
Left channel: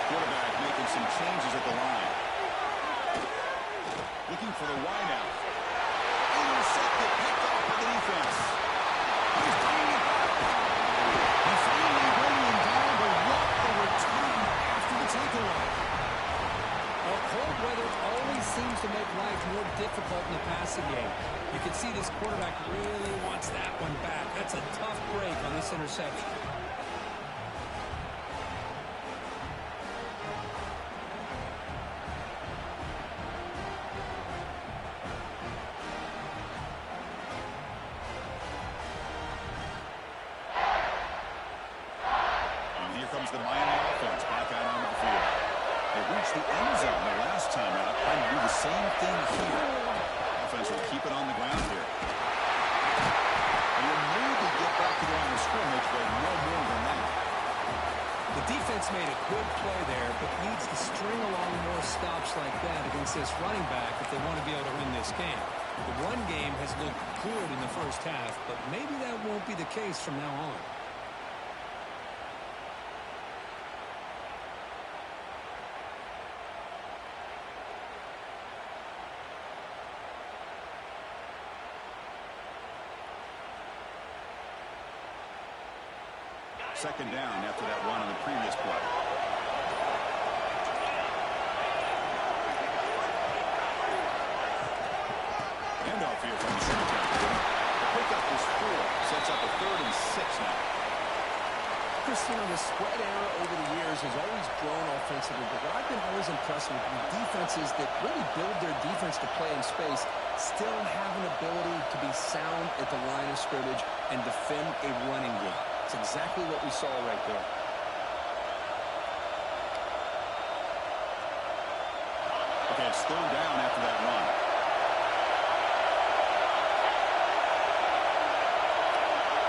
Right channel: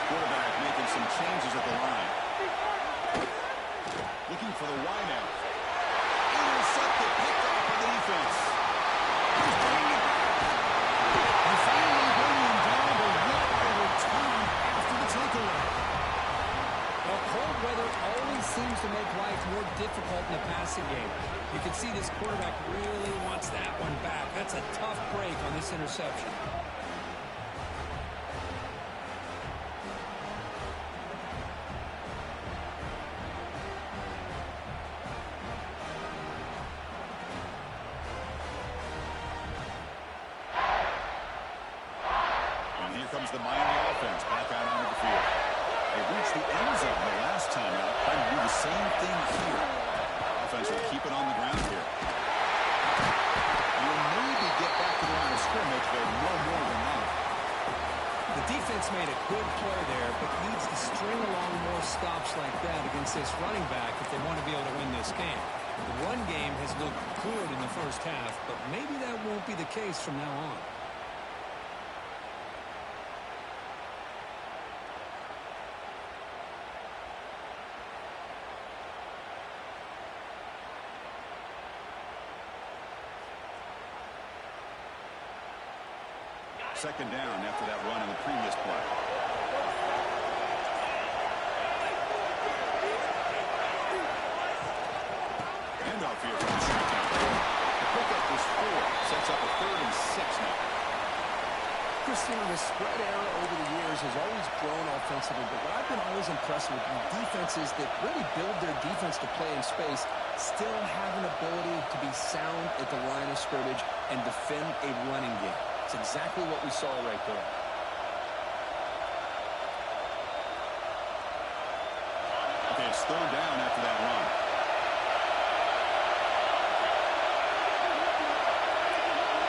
Quarterback making some changes at the line. Looking for the wideout. Intercepted, picked off by the defense. He's bringing it back. And finally bringing him down, but what a return after the takeaway. Well, cold weather always seems to make life more difficult in the passing game. You can see this quarterback really wants that one back. That's a tough break on this interception. And here comes the Miami offense back out onto the field. They reached the end zone the last time out, trying to do the same thing here. Offense will keep it on the ground here. And you'll maybe get back to the line of scrimmage, but no more than that. The defense made a good play there, but needs to string along more stops like that against this running back if they want to be able to win this game. The run game has looked good in the first half, but maybe that won't be the case from now on. Second down after that run in the previous play. Handoff here from the shotgun. The pickup is 4. Sets up a 3rd and 6 now. Christian, the spread era over the years has always grown offensively, but what I've been always impressed with defenses that really build their defense to play in space still have an ability to be sound at the line of scrimmage and defend a running game. It's exactly what we saw right there. Okay, it's 3rd down after that run.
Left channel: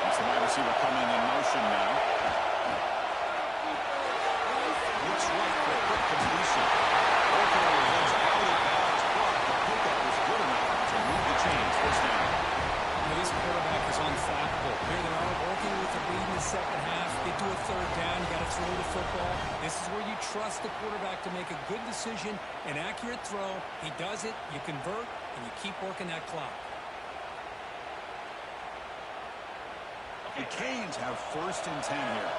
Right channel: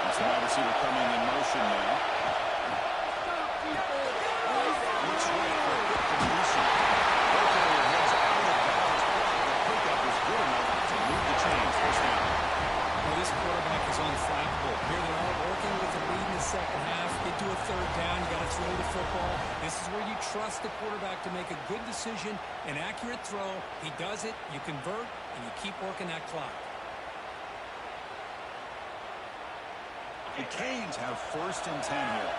It's the wide receiver coming in motion now. Looks right for a quick completion. Oakley heads out of bounds, but the pickup is good enough to move the chains. First down. Well, this quarterback is unflappable. Here they are working with the lead in the second half. Get to a 3rd down. You got to throw the football. This is where you trust the quarterback to make a good decision, an accurate throw. He does it, you convert, and you keep working that clock. The Canes have 1st and 10 here.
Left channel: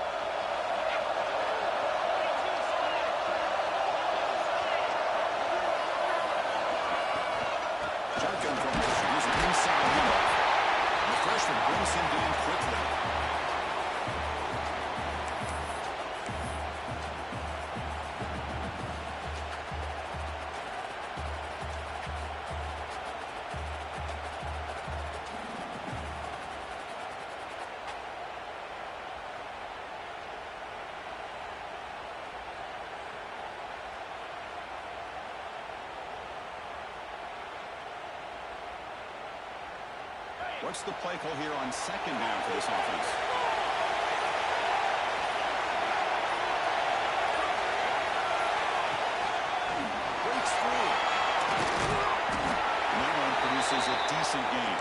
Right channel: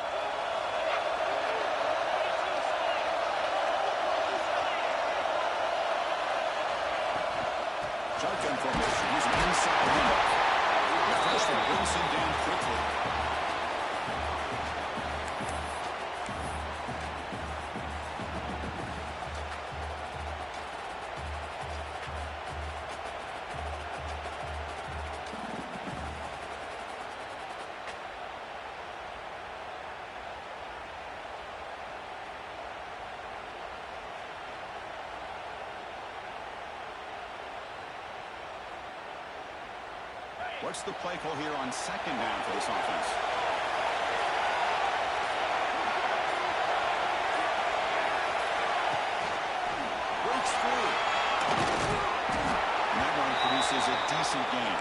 Shotgun formation. Here's an inside handoff. The freshman brings him down quickly. What's the play call here on 2nd down for this offense? And that run produces a decent gain.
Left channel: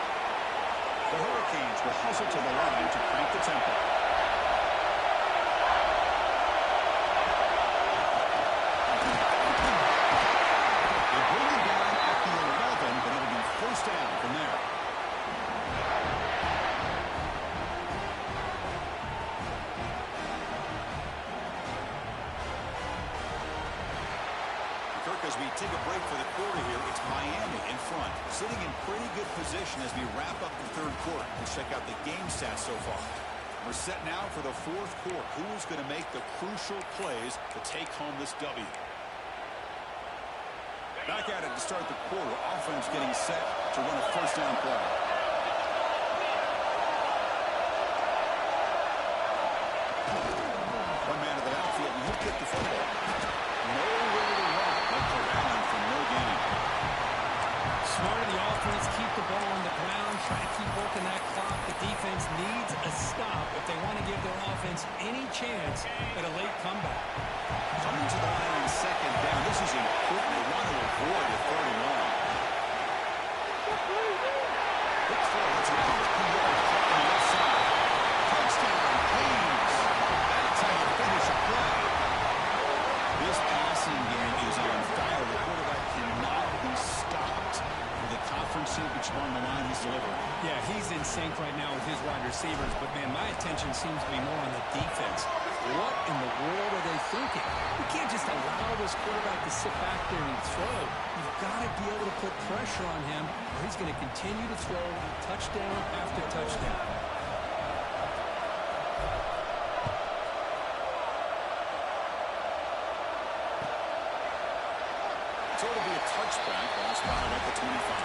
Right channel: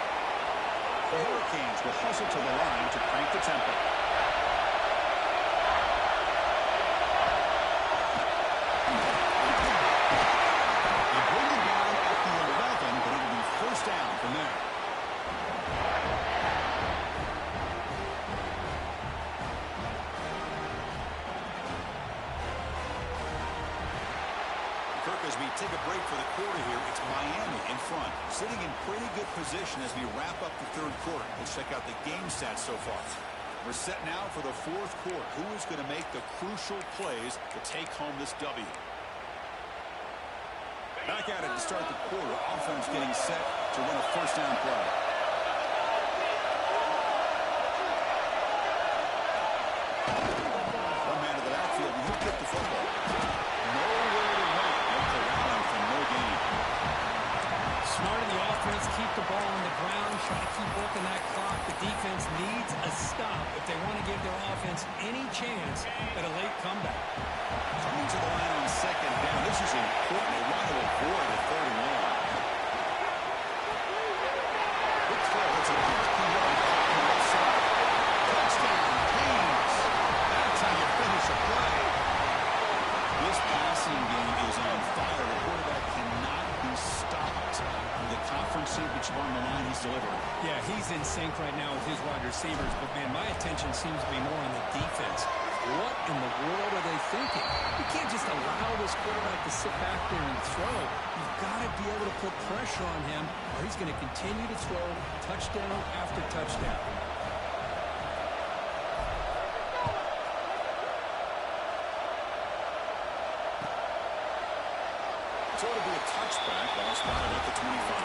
The Hurricanes will hustle to the line to crank the tempo. They bring it down at the 11, but it'll be first down from there. Kirk, as we take a break for the quarter here, it's Miami in front, sitting in pretty good position as we wrap up the third quarter. Let's check out the game stats so far. We're set now for the fourth quarter. Who is going to make the crucial plays to take home this W? Back at it to start the quarter. Offense getting set to run a first down play. One man to the backfield, and he'll get the football. Nowhere to run. They're corralling from no gain. Smart of the offense, keep the ball on the ground, try to keep working that clock. The defense needs a stop if they want to give their offense any chance at a late comeback. Coming to the line on second down. This is important. They want to avoid a third and long. Quick throw. It's an RPO caught on the left side. Touchdown, Kings. That's how you finish a play. This passing game is on fire. The quarterback cannot be stopped. With the conference championship on the line, he's delivering. Yeah, he's in sync right now with his wide receivers, but, man, my attention seems to be more on the defense. What in the world are they thinking? You can't just allow this quarterback to sit back there and throw. You've got to be able to put pressure on him, or he's going to continue to throw touchdown after touchdown. So it'll be a touchback. Ball spotted at the 25.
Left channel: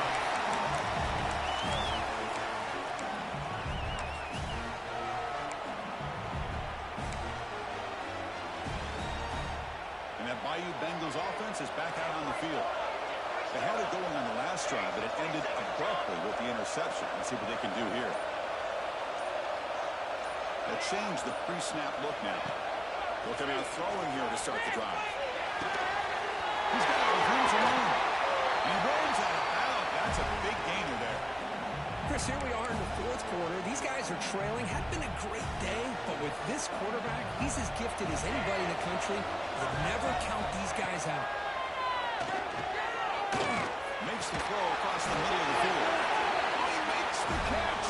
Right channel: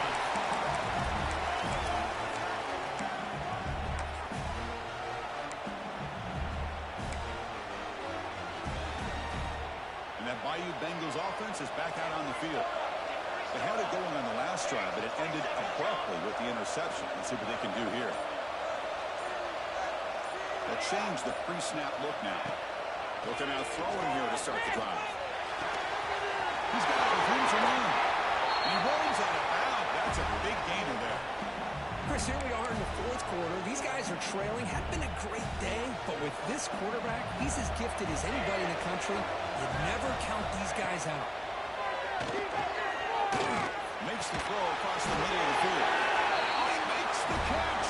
And that Bayou Bengals offense is back out on the field. They had it going on the last drive, but it ended abruptly with the interception. Let's see what they can do here. They'll change the pre-snap look now. They'll come out throwing here to start the drive. He's got it with room for one. He rolls out of bounds. That's a big gainer there. Chris, here we are in the fourth quarter. These guys are trailing. Had been a great day, but with this quarterback, he's as gifted as anybody in the country. You never count these guys out. Makes the throw across the middle of the field. He makes the catch.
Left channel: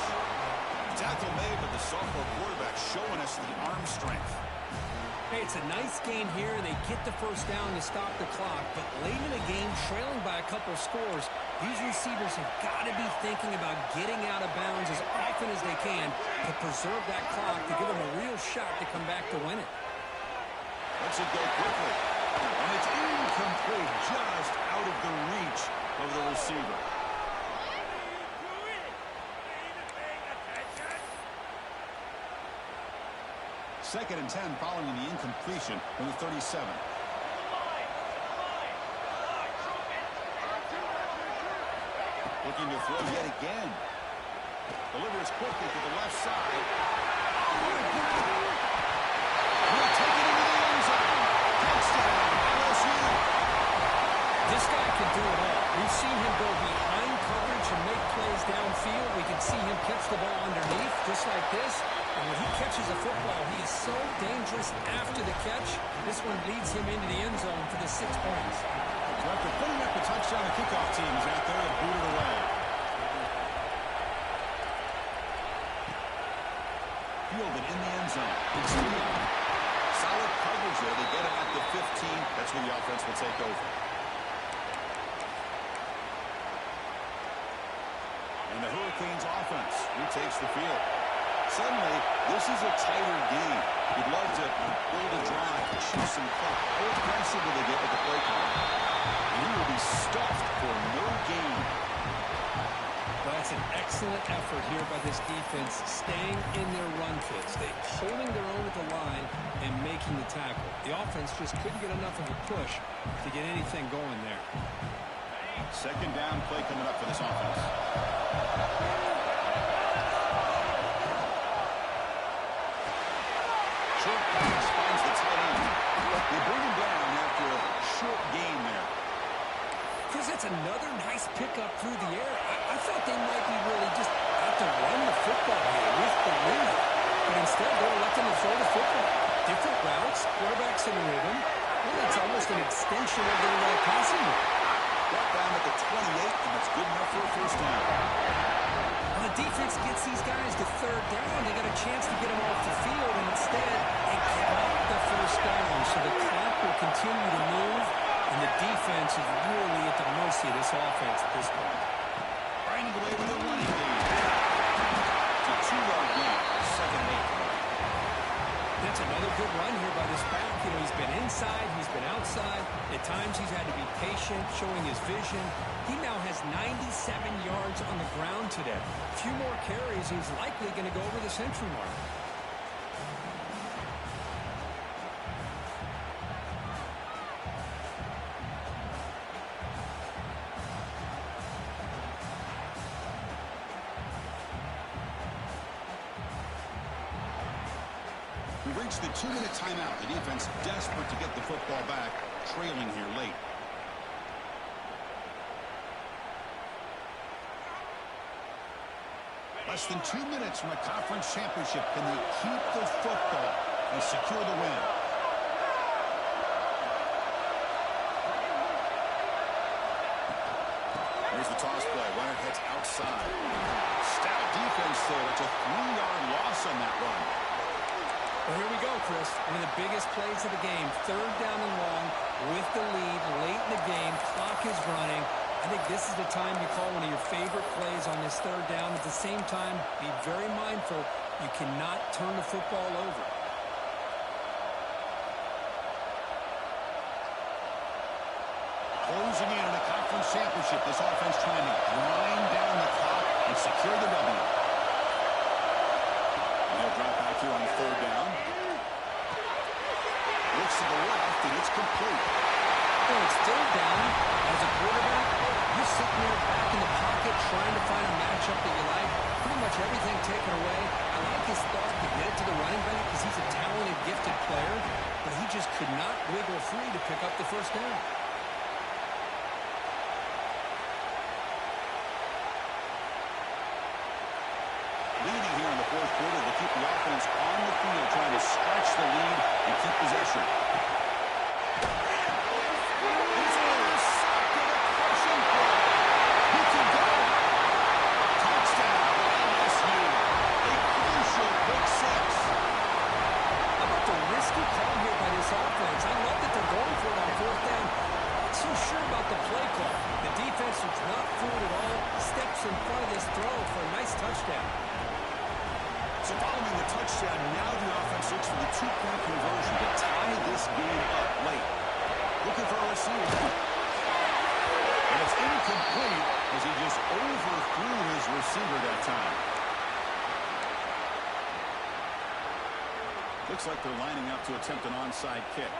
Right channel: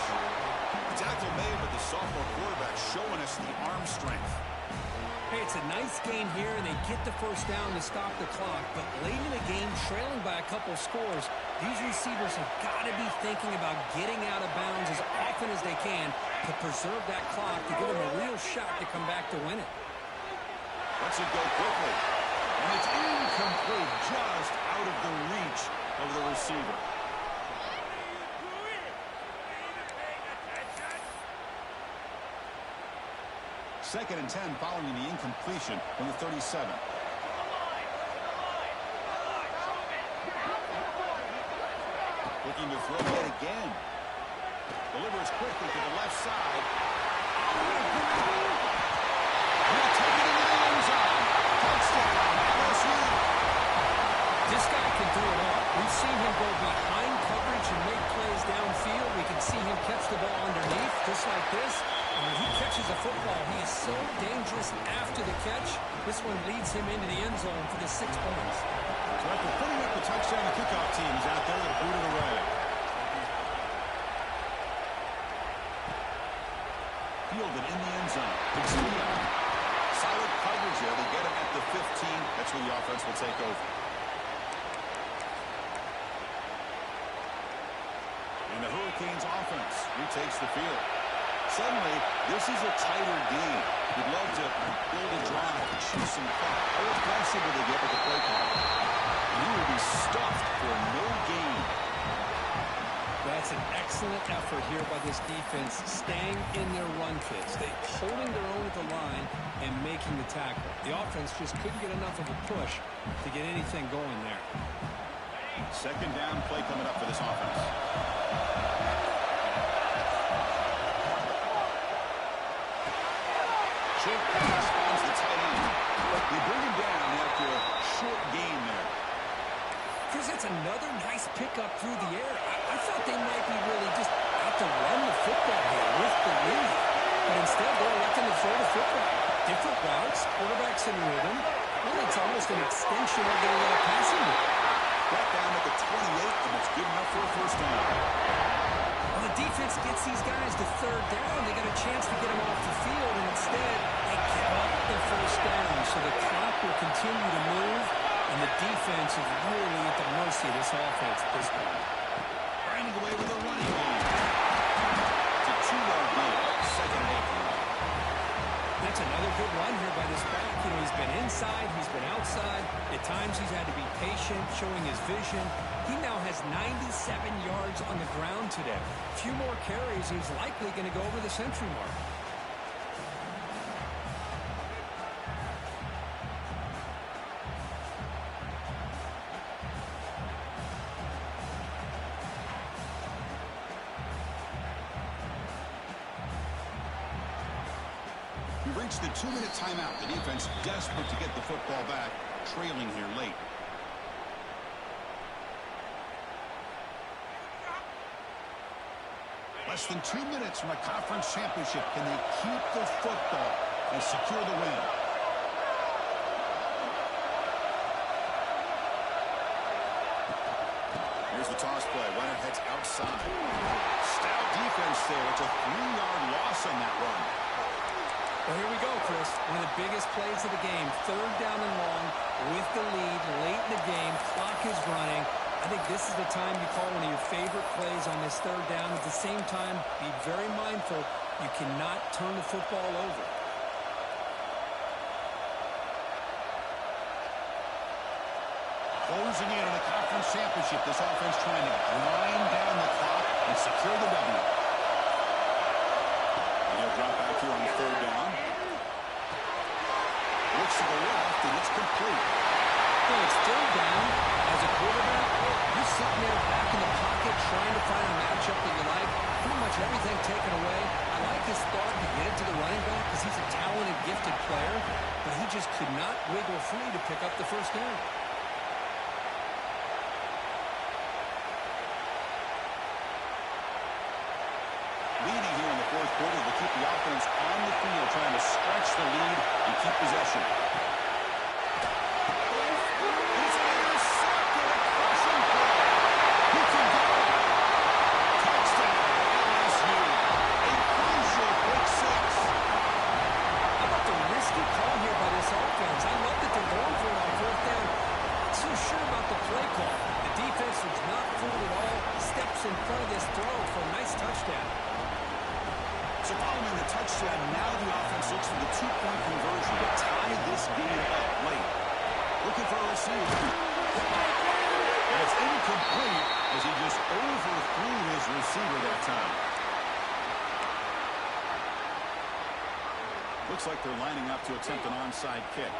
Tackle made, but the sophomore quarterback showing us the arm strength. Hey, it's a nice gain here, and they get the first down to stop the clock. But late in the game, trailing by a couple scores, these receivers have got to be thinking about getting out of bounds as often as they can to preserve that clock, to give them a real shot to come back to win it. Lets it go quickly. And it's incomplete, just out of the reach of the receiver. Second and 10 following the incompletion from the 37. Looking to throw yet again. Delivers quickly to the left side. He'll take it into the end zone. Touchdown, LSU. This guy can do it all. We've seen him go behind coverage and make plays downfield. We can see him catch the ball underneath, just like this. And when he catches a football, he is so dangerous after the catch. This one leads him into the end zone for the 6 points. So after putting up the touchdown, the kickoff team is out there to boot it away. Fielded in the end zone. It's Leon. Solid coverage there. They get him at the 15. That's where the offense will take over. And the Hurricanes offense retakes the field. Suddenly, this is a tighter game. You'd love to build a drive, choose some clock. How aggressive will they get with the play call? And he will be stuffed for no gain. Well, that's an excellent effort here by this defense, staying in their run fits. They holding their own at the line and making the tackle. The offense just couldn't get enough of a push to get anything going there. Second down play coming up for this offense. Short pass finds the tight end. They bring him down after a short gain there. Chris, that's another nice pickup through the air. I thought they might be really just out to run the football here with the lead. But instead, they're electing to throw the football. Different routes, quarterbacks in rhythm. Well, it's almost an extension of their passing move. Brought down at the 28, and it's good enough for a first down. Well, the defense gets these guys to third down. They got a chance to get them off the field, and instead, they give up the first down. So the clock will continue to move, and the defense is really at the mercy of this offense at this point. Grinding away with a running game. It's a 2-yard gain, 2nd and 8 coming up. That's another good run here by this back. You know, he's been inside, he's been outside. At times he's had to be patient, showing his vision. He now has 97 yards on the ground today. A few more carries, he's likely going to go over the century mark. We've reached the 2-minute timeout. The defense desperate to get the football back, trailing here late. Less than 2 minutes from a conference championship. Can they keep the football and secure the win? Here's the toss play. Runner heads outside. Stout defense there. It's a 3-yard loss on that run. Well, here we go, Chris. One of the biggest plays of the game. 3rd down and long with the lead late in the game. Clock is running. I think this is the time you call one of your favorite plays on this 3rd down. At the same time, be very mindful. You cannot turn the football over. Closing in on a conference championship. This offense trying to grind down the clock and secure the W. He'll drop back here on 3rd down. Looks to the left, and it's complete. You know, it's 3rd down. As a quarterback, you're sitting there back in the pocket trying to find a matchup that you like. Pretty much everything taken away. I like his thought to get it to the running back because he's a talented, gifted player, but he just could not wiggle free to pick up the first down. Leading here in the 4th quarter will keep the offense on the field, trying to stretch the lead and keep possession. It's intercepted, a crushing play. Who can go? Touchdown, LSU. A crucial pick 6. How about the risky call here by this offense? I love that they're going for it on 4th down. Not so sure about the play call. The defense was not fooled at all. Steps in front of this throw for a nice touchdown. So following the touchdown, now the offense looks for the 2-point conversion to tie this game up late. Looking for a receiver. And it's incomplete as he just overthrew his receiver that time. Looks like they're lining up to attempt an onside kick.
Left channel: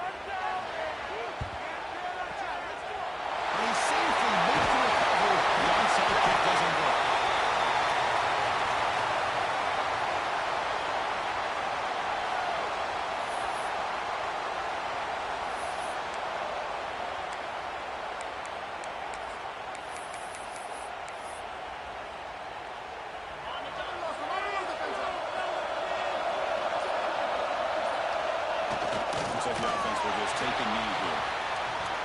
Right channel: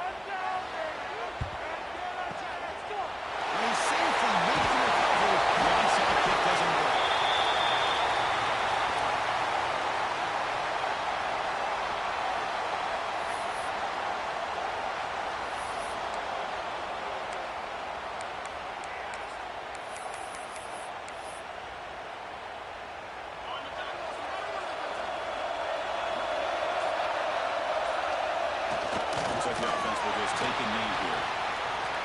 And he safely makes the recovery. The onside kick doesn't work. Looks like the offense will just take a knee here.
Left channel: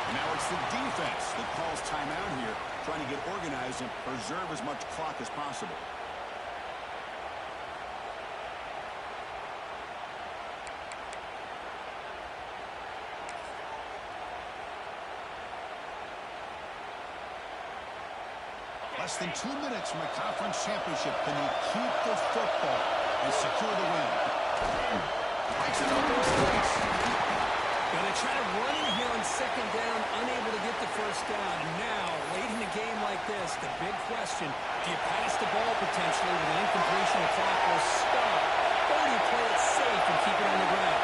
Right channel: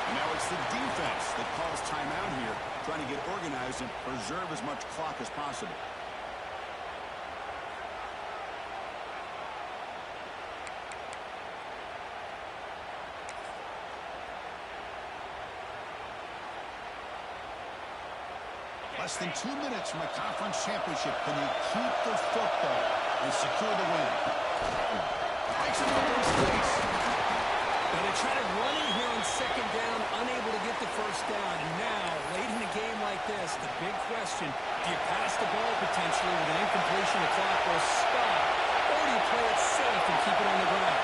And now it's the defense that calls timeout here, trying to get organized and preserve as much clock as possible. Less than 2 minutes from a conference championship. Can they keep the football and secure the win? Makes an open space. Well, they try to run in here on 2nd down, unable to get the first down. And now, late in a game like this, the big question, do you pass the ball potentially with an incompletion? The clock will stop. Or do you play it safe and keep it on the ground?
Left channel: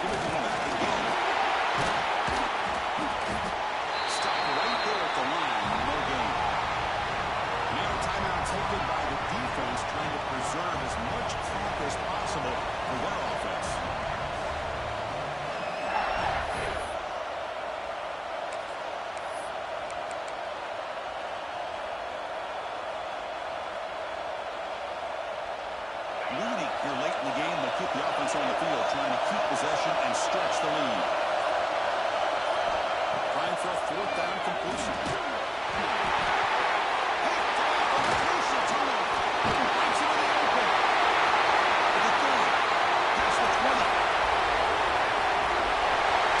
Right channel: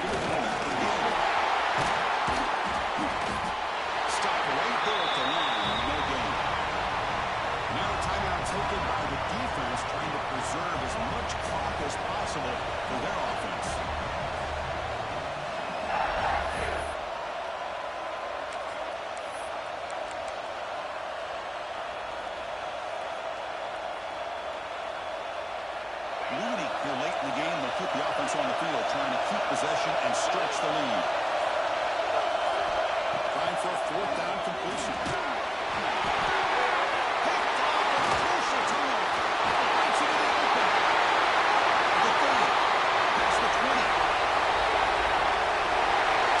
Give it back again. Stop right there at the line. No gain. Now a timeout taken by the defense, trying to preserve as much clock as possible for their offense. Here late in the game, they'll keep the offense on the field, trying to keep possession and stretch the lead. Trying for a fourth down completion. Picked off a crucial turnover. Breaks into the open. To the 30. Past the 20.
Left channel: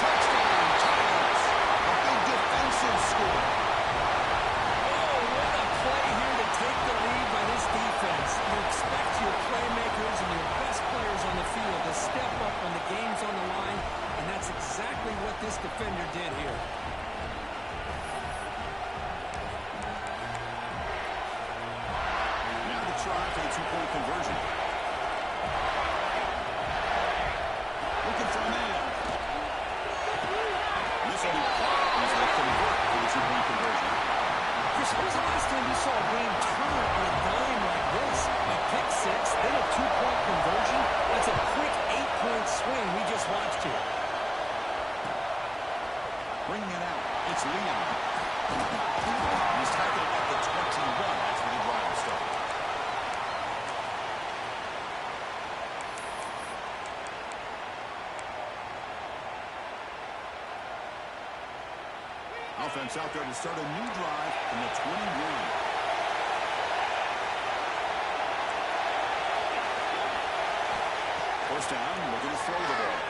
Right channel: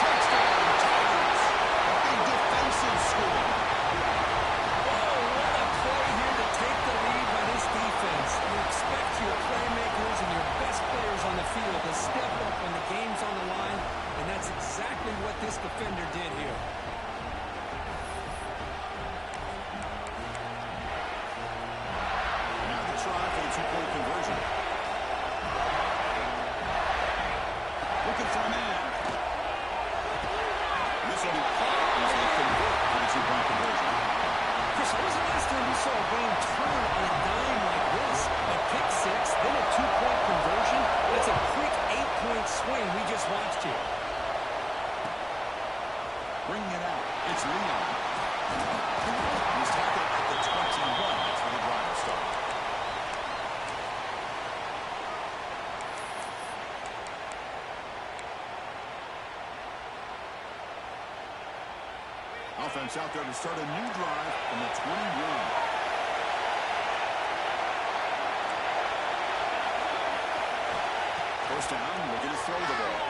Touchdown, Tigers. A big defensive score. Oh, what a play here to take the lead by this defense. You expect your playmakers and your best players on the field to step up when the game's on the line, and that's exactly what this defender did here. Now the try for the two-point conversion. Looking for a man. This will be caught as they convert for the two-point conversion. Chris, when was the last time you saw a game turn on a dime like this? A pick six, then a two-point conversion? That's a quick 8-point swing we just watched here. Bringing it out, it's Leon. He's tackled at the 21. That's where the drive will start. Offense out there to start a new drive from the 21. First down, looking to throw the ball.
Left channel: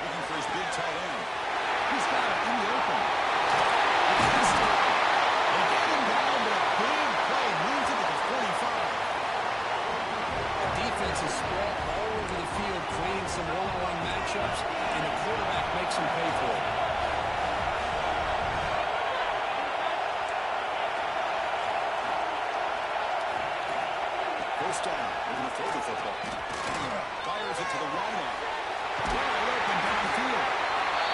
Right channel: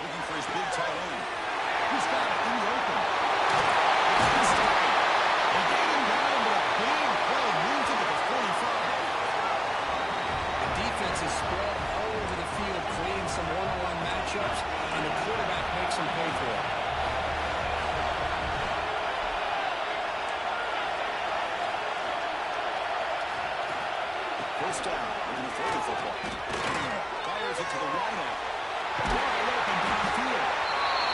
Looking for his big tight end. He's got it in the open. They get him down, but a big play moves into the 45. The defense is spread all over the field, creating some one-on-one matchups, and the quarterback makes them pay for it. First down, we're going to throw the football. Fires it to the wideout. Wide open downfield.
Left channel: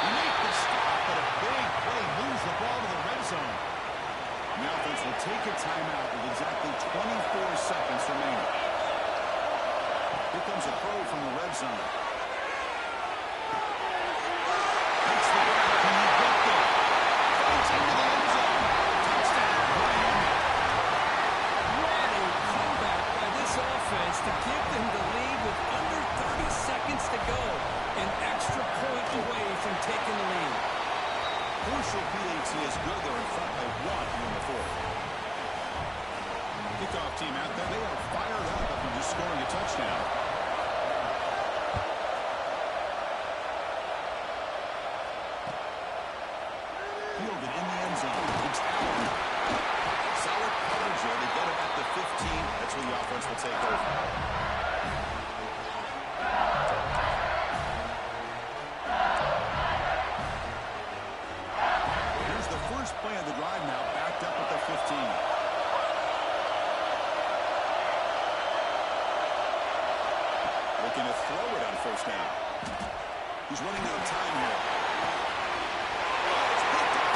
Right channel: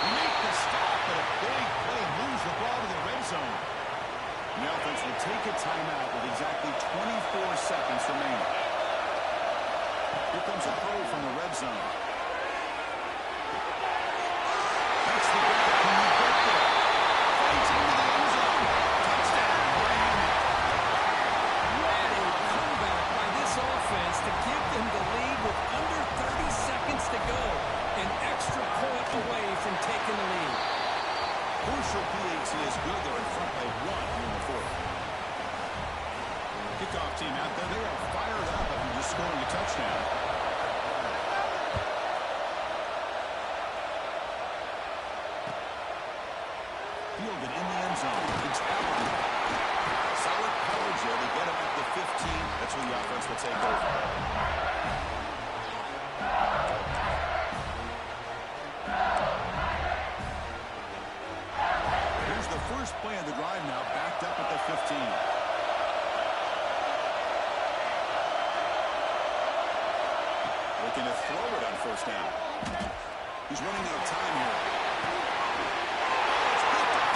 You make the stop, but a big play moves the ball to the red zone. And the offense will take a timeout with exactly 24 seconds remaining. Here comes a throw from the red zone. That's the grab. Can you get there? Fights into the end zone. Touchdown, Miami. What a comeback by this offense to give them the lead with under 30 seconds to go. An extra point away from taking the lead. Crucial PAT is good. They're in front by 1 here in the fourth. Kickoff team out there. They are fired up after just scoring a touchdown. Fielded in the end zone. It's Allen. Solid coverage there. They get him at the 15. That's where the offense will take over. Here's the first play of the drive now, backed up at the 15. Looking to throw it on first down. He's running out of time here. It's picked up.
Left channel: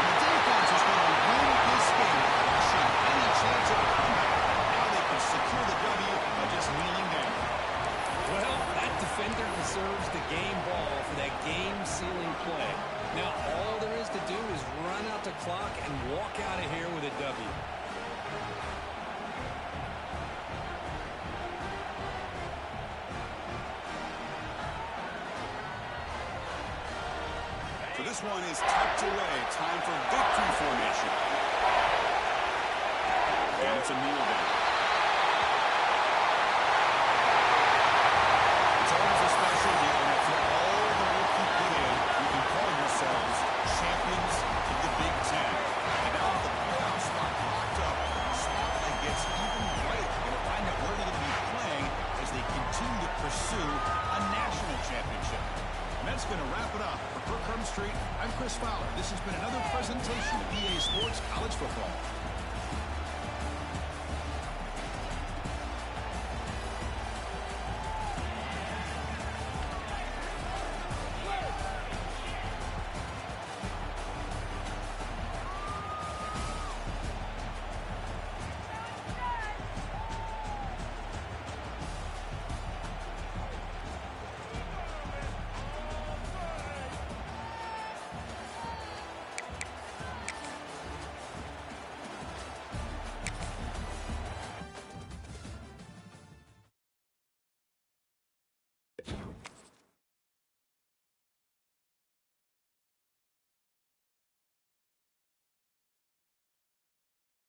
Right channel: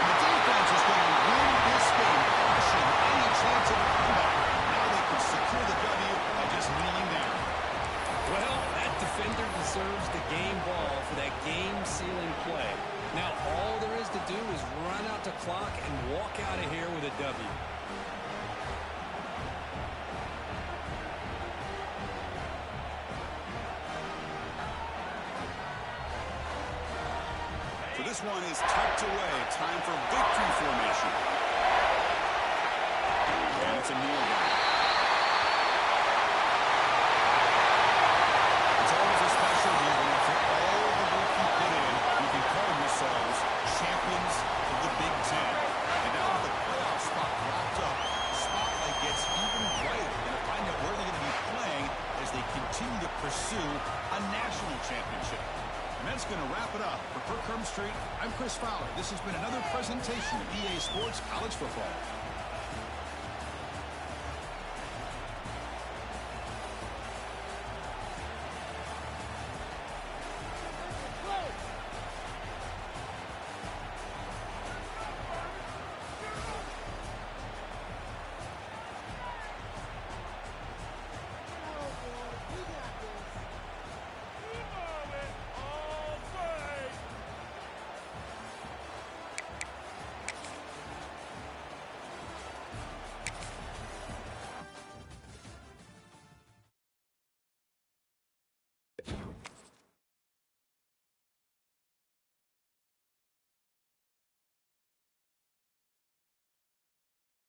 And the defense is going to win this game, crushing any chance of a comeback. Now they can secure the W by just kneeling down. Well, that defender deserves the game ball for that game-sealing play. Now all there is to do is run out the clock and walk out of here with a W. So this one is tucked away. Time for victory formation. And it's a kneel down. It's always a special year when after all the work you put in, you can call yourselves champions of the Big Ten. And now with the playoff spot locked up, the spotlight gets even brighter. You're going to find out where they're going to be playing as they continue to pursue a national championship. And that's going to wrap it up. For Kirk Street, I'm Chris Fowler. This has been another presentation of EA Sports College Football.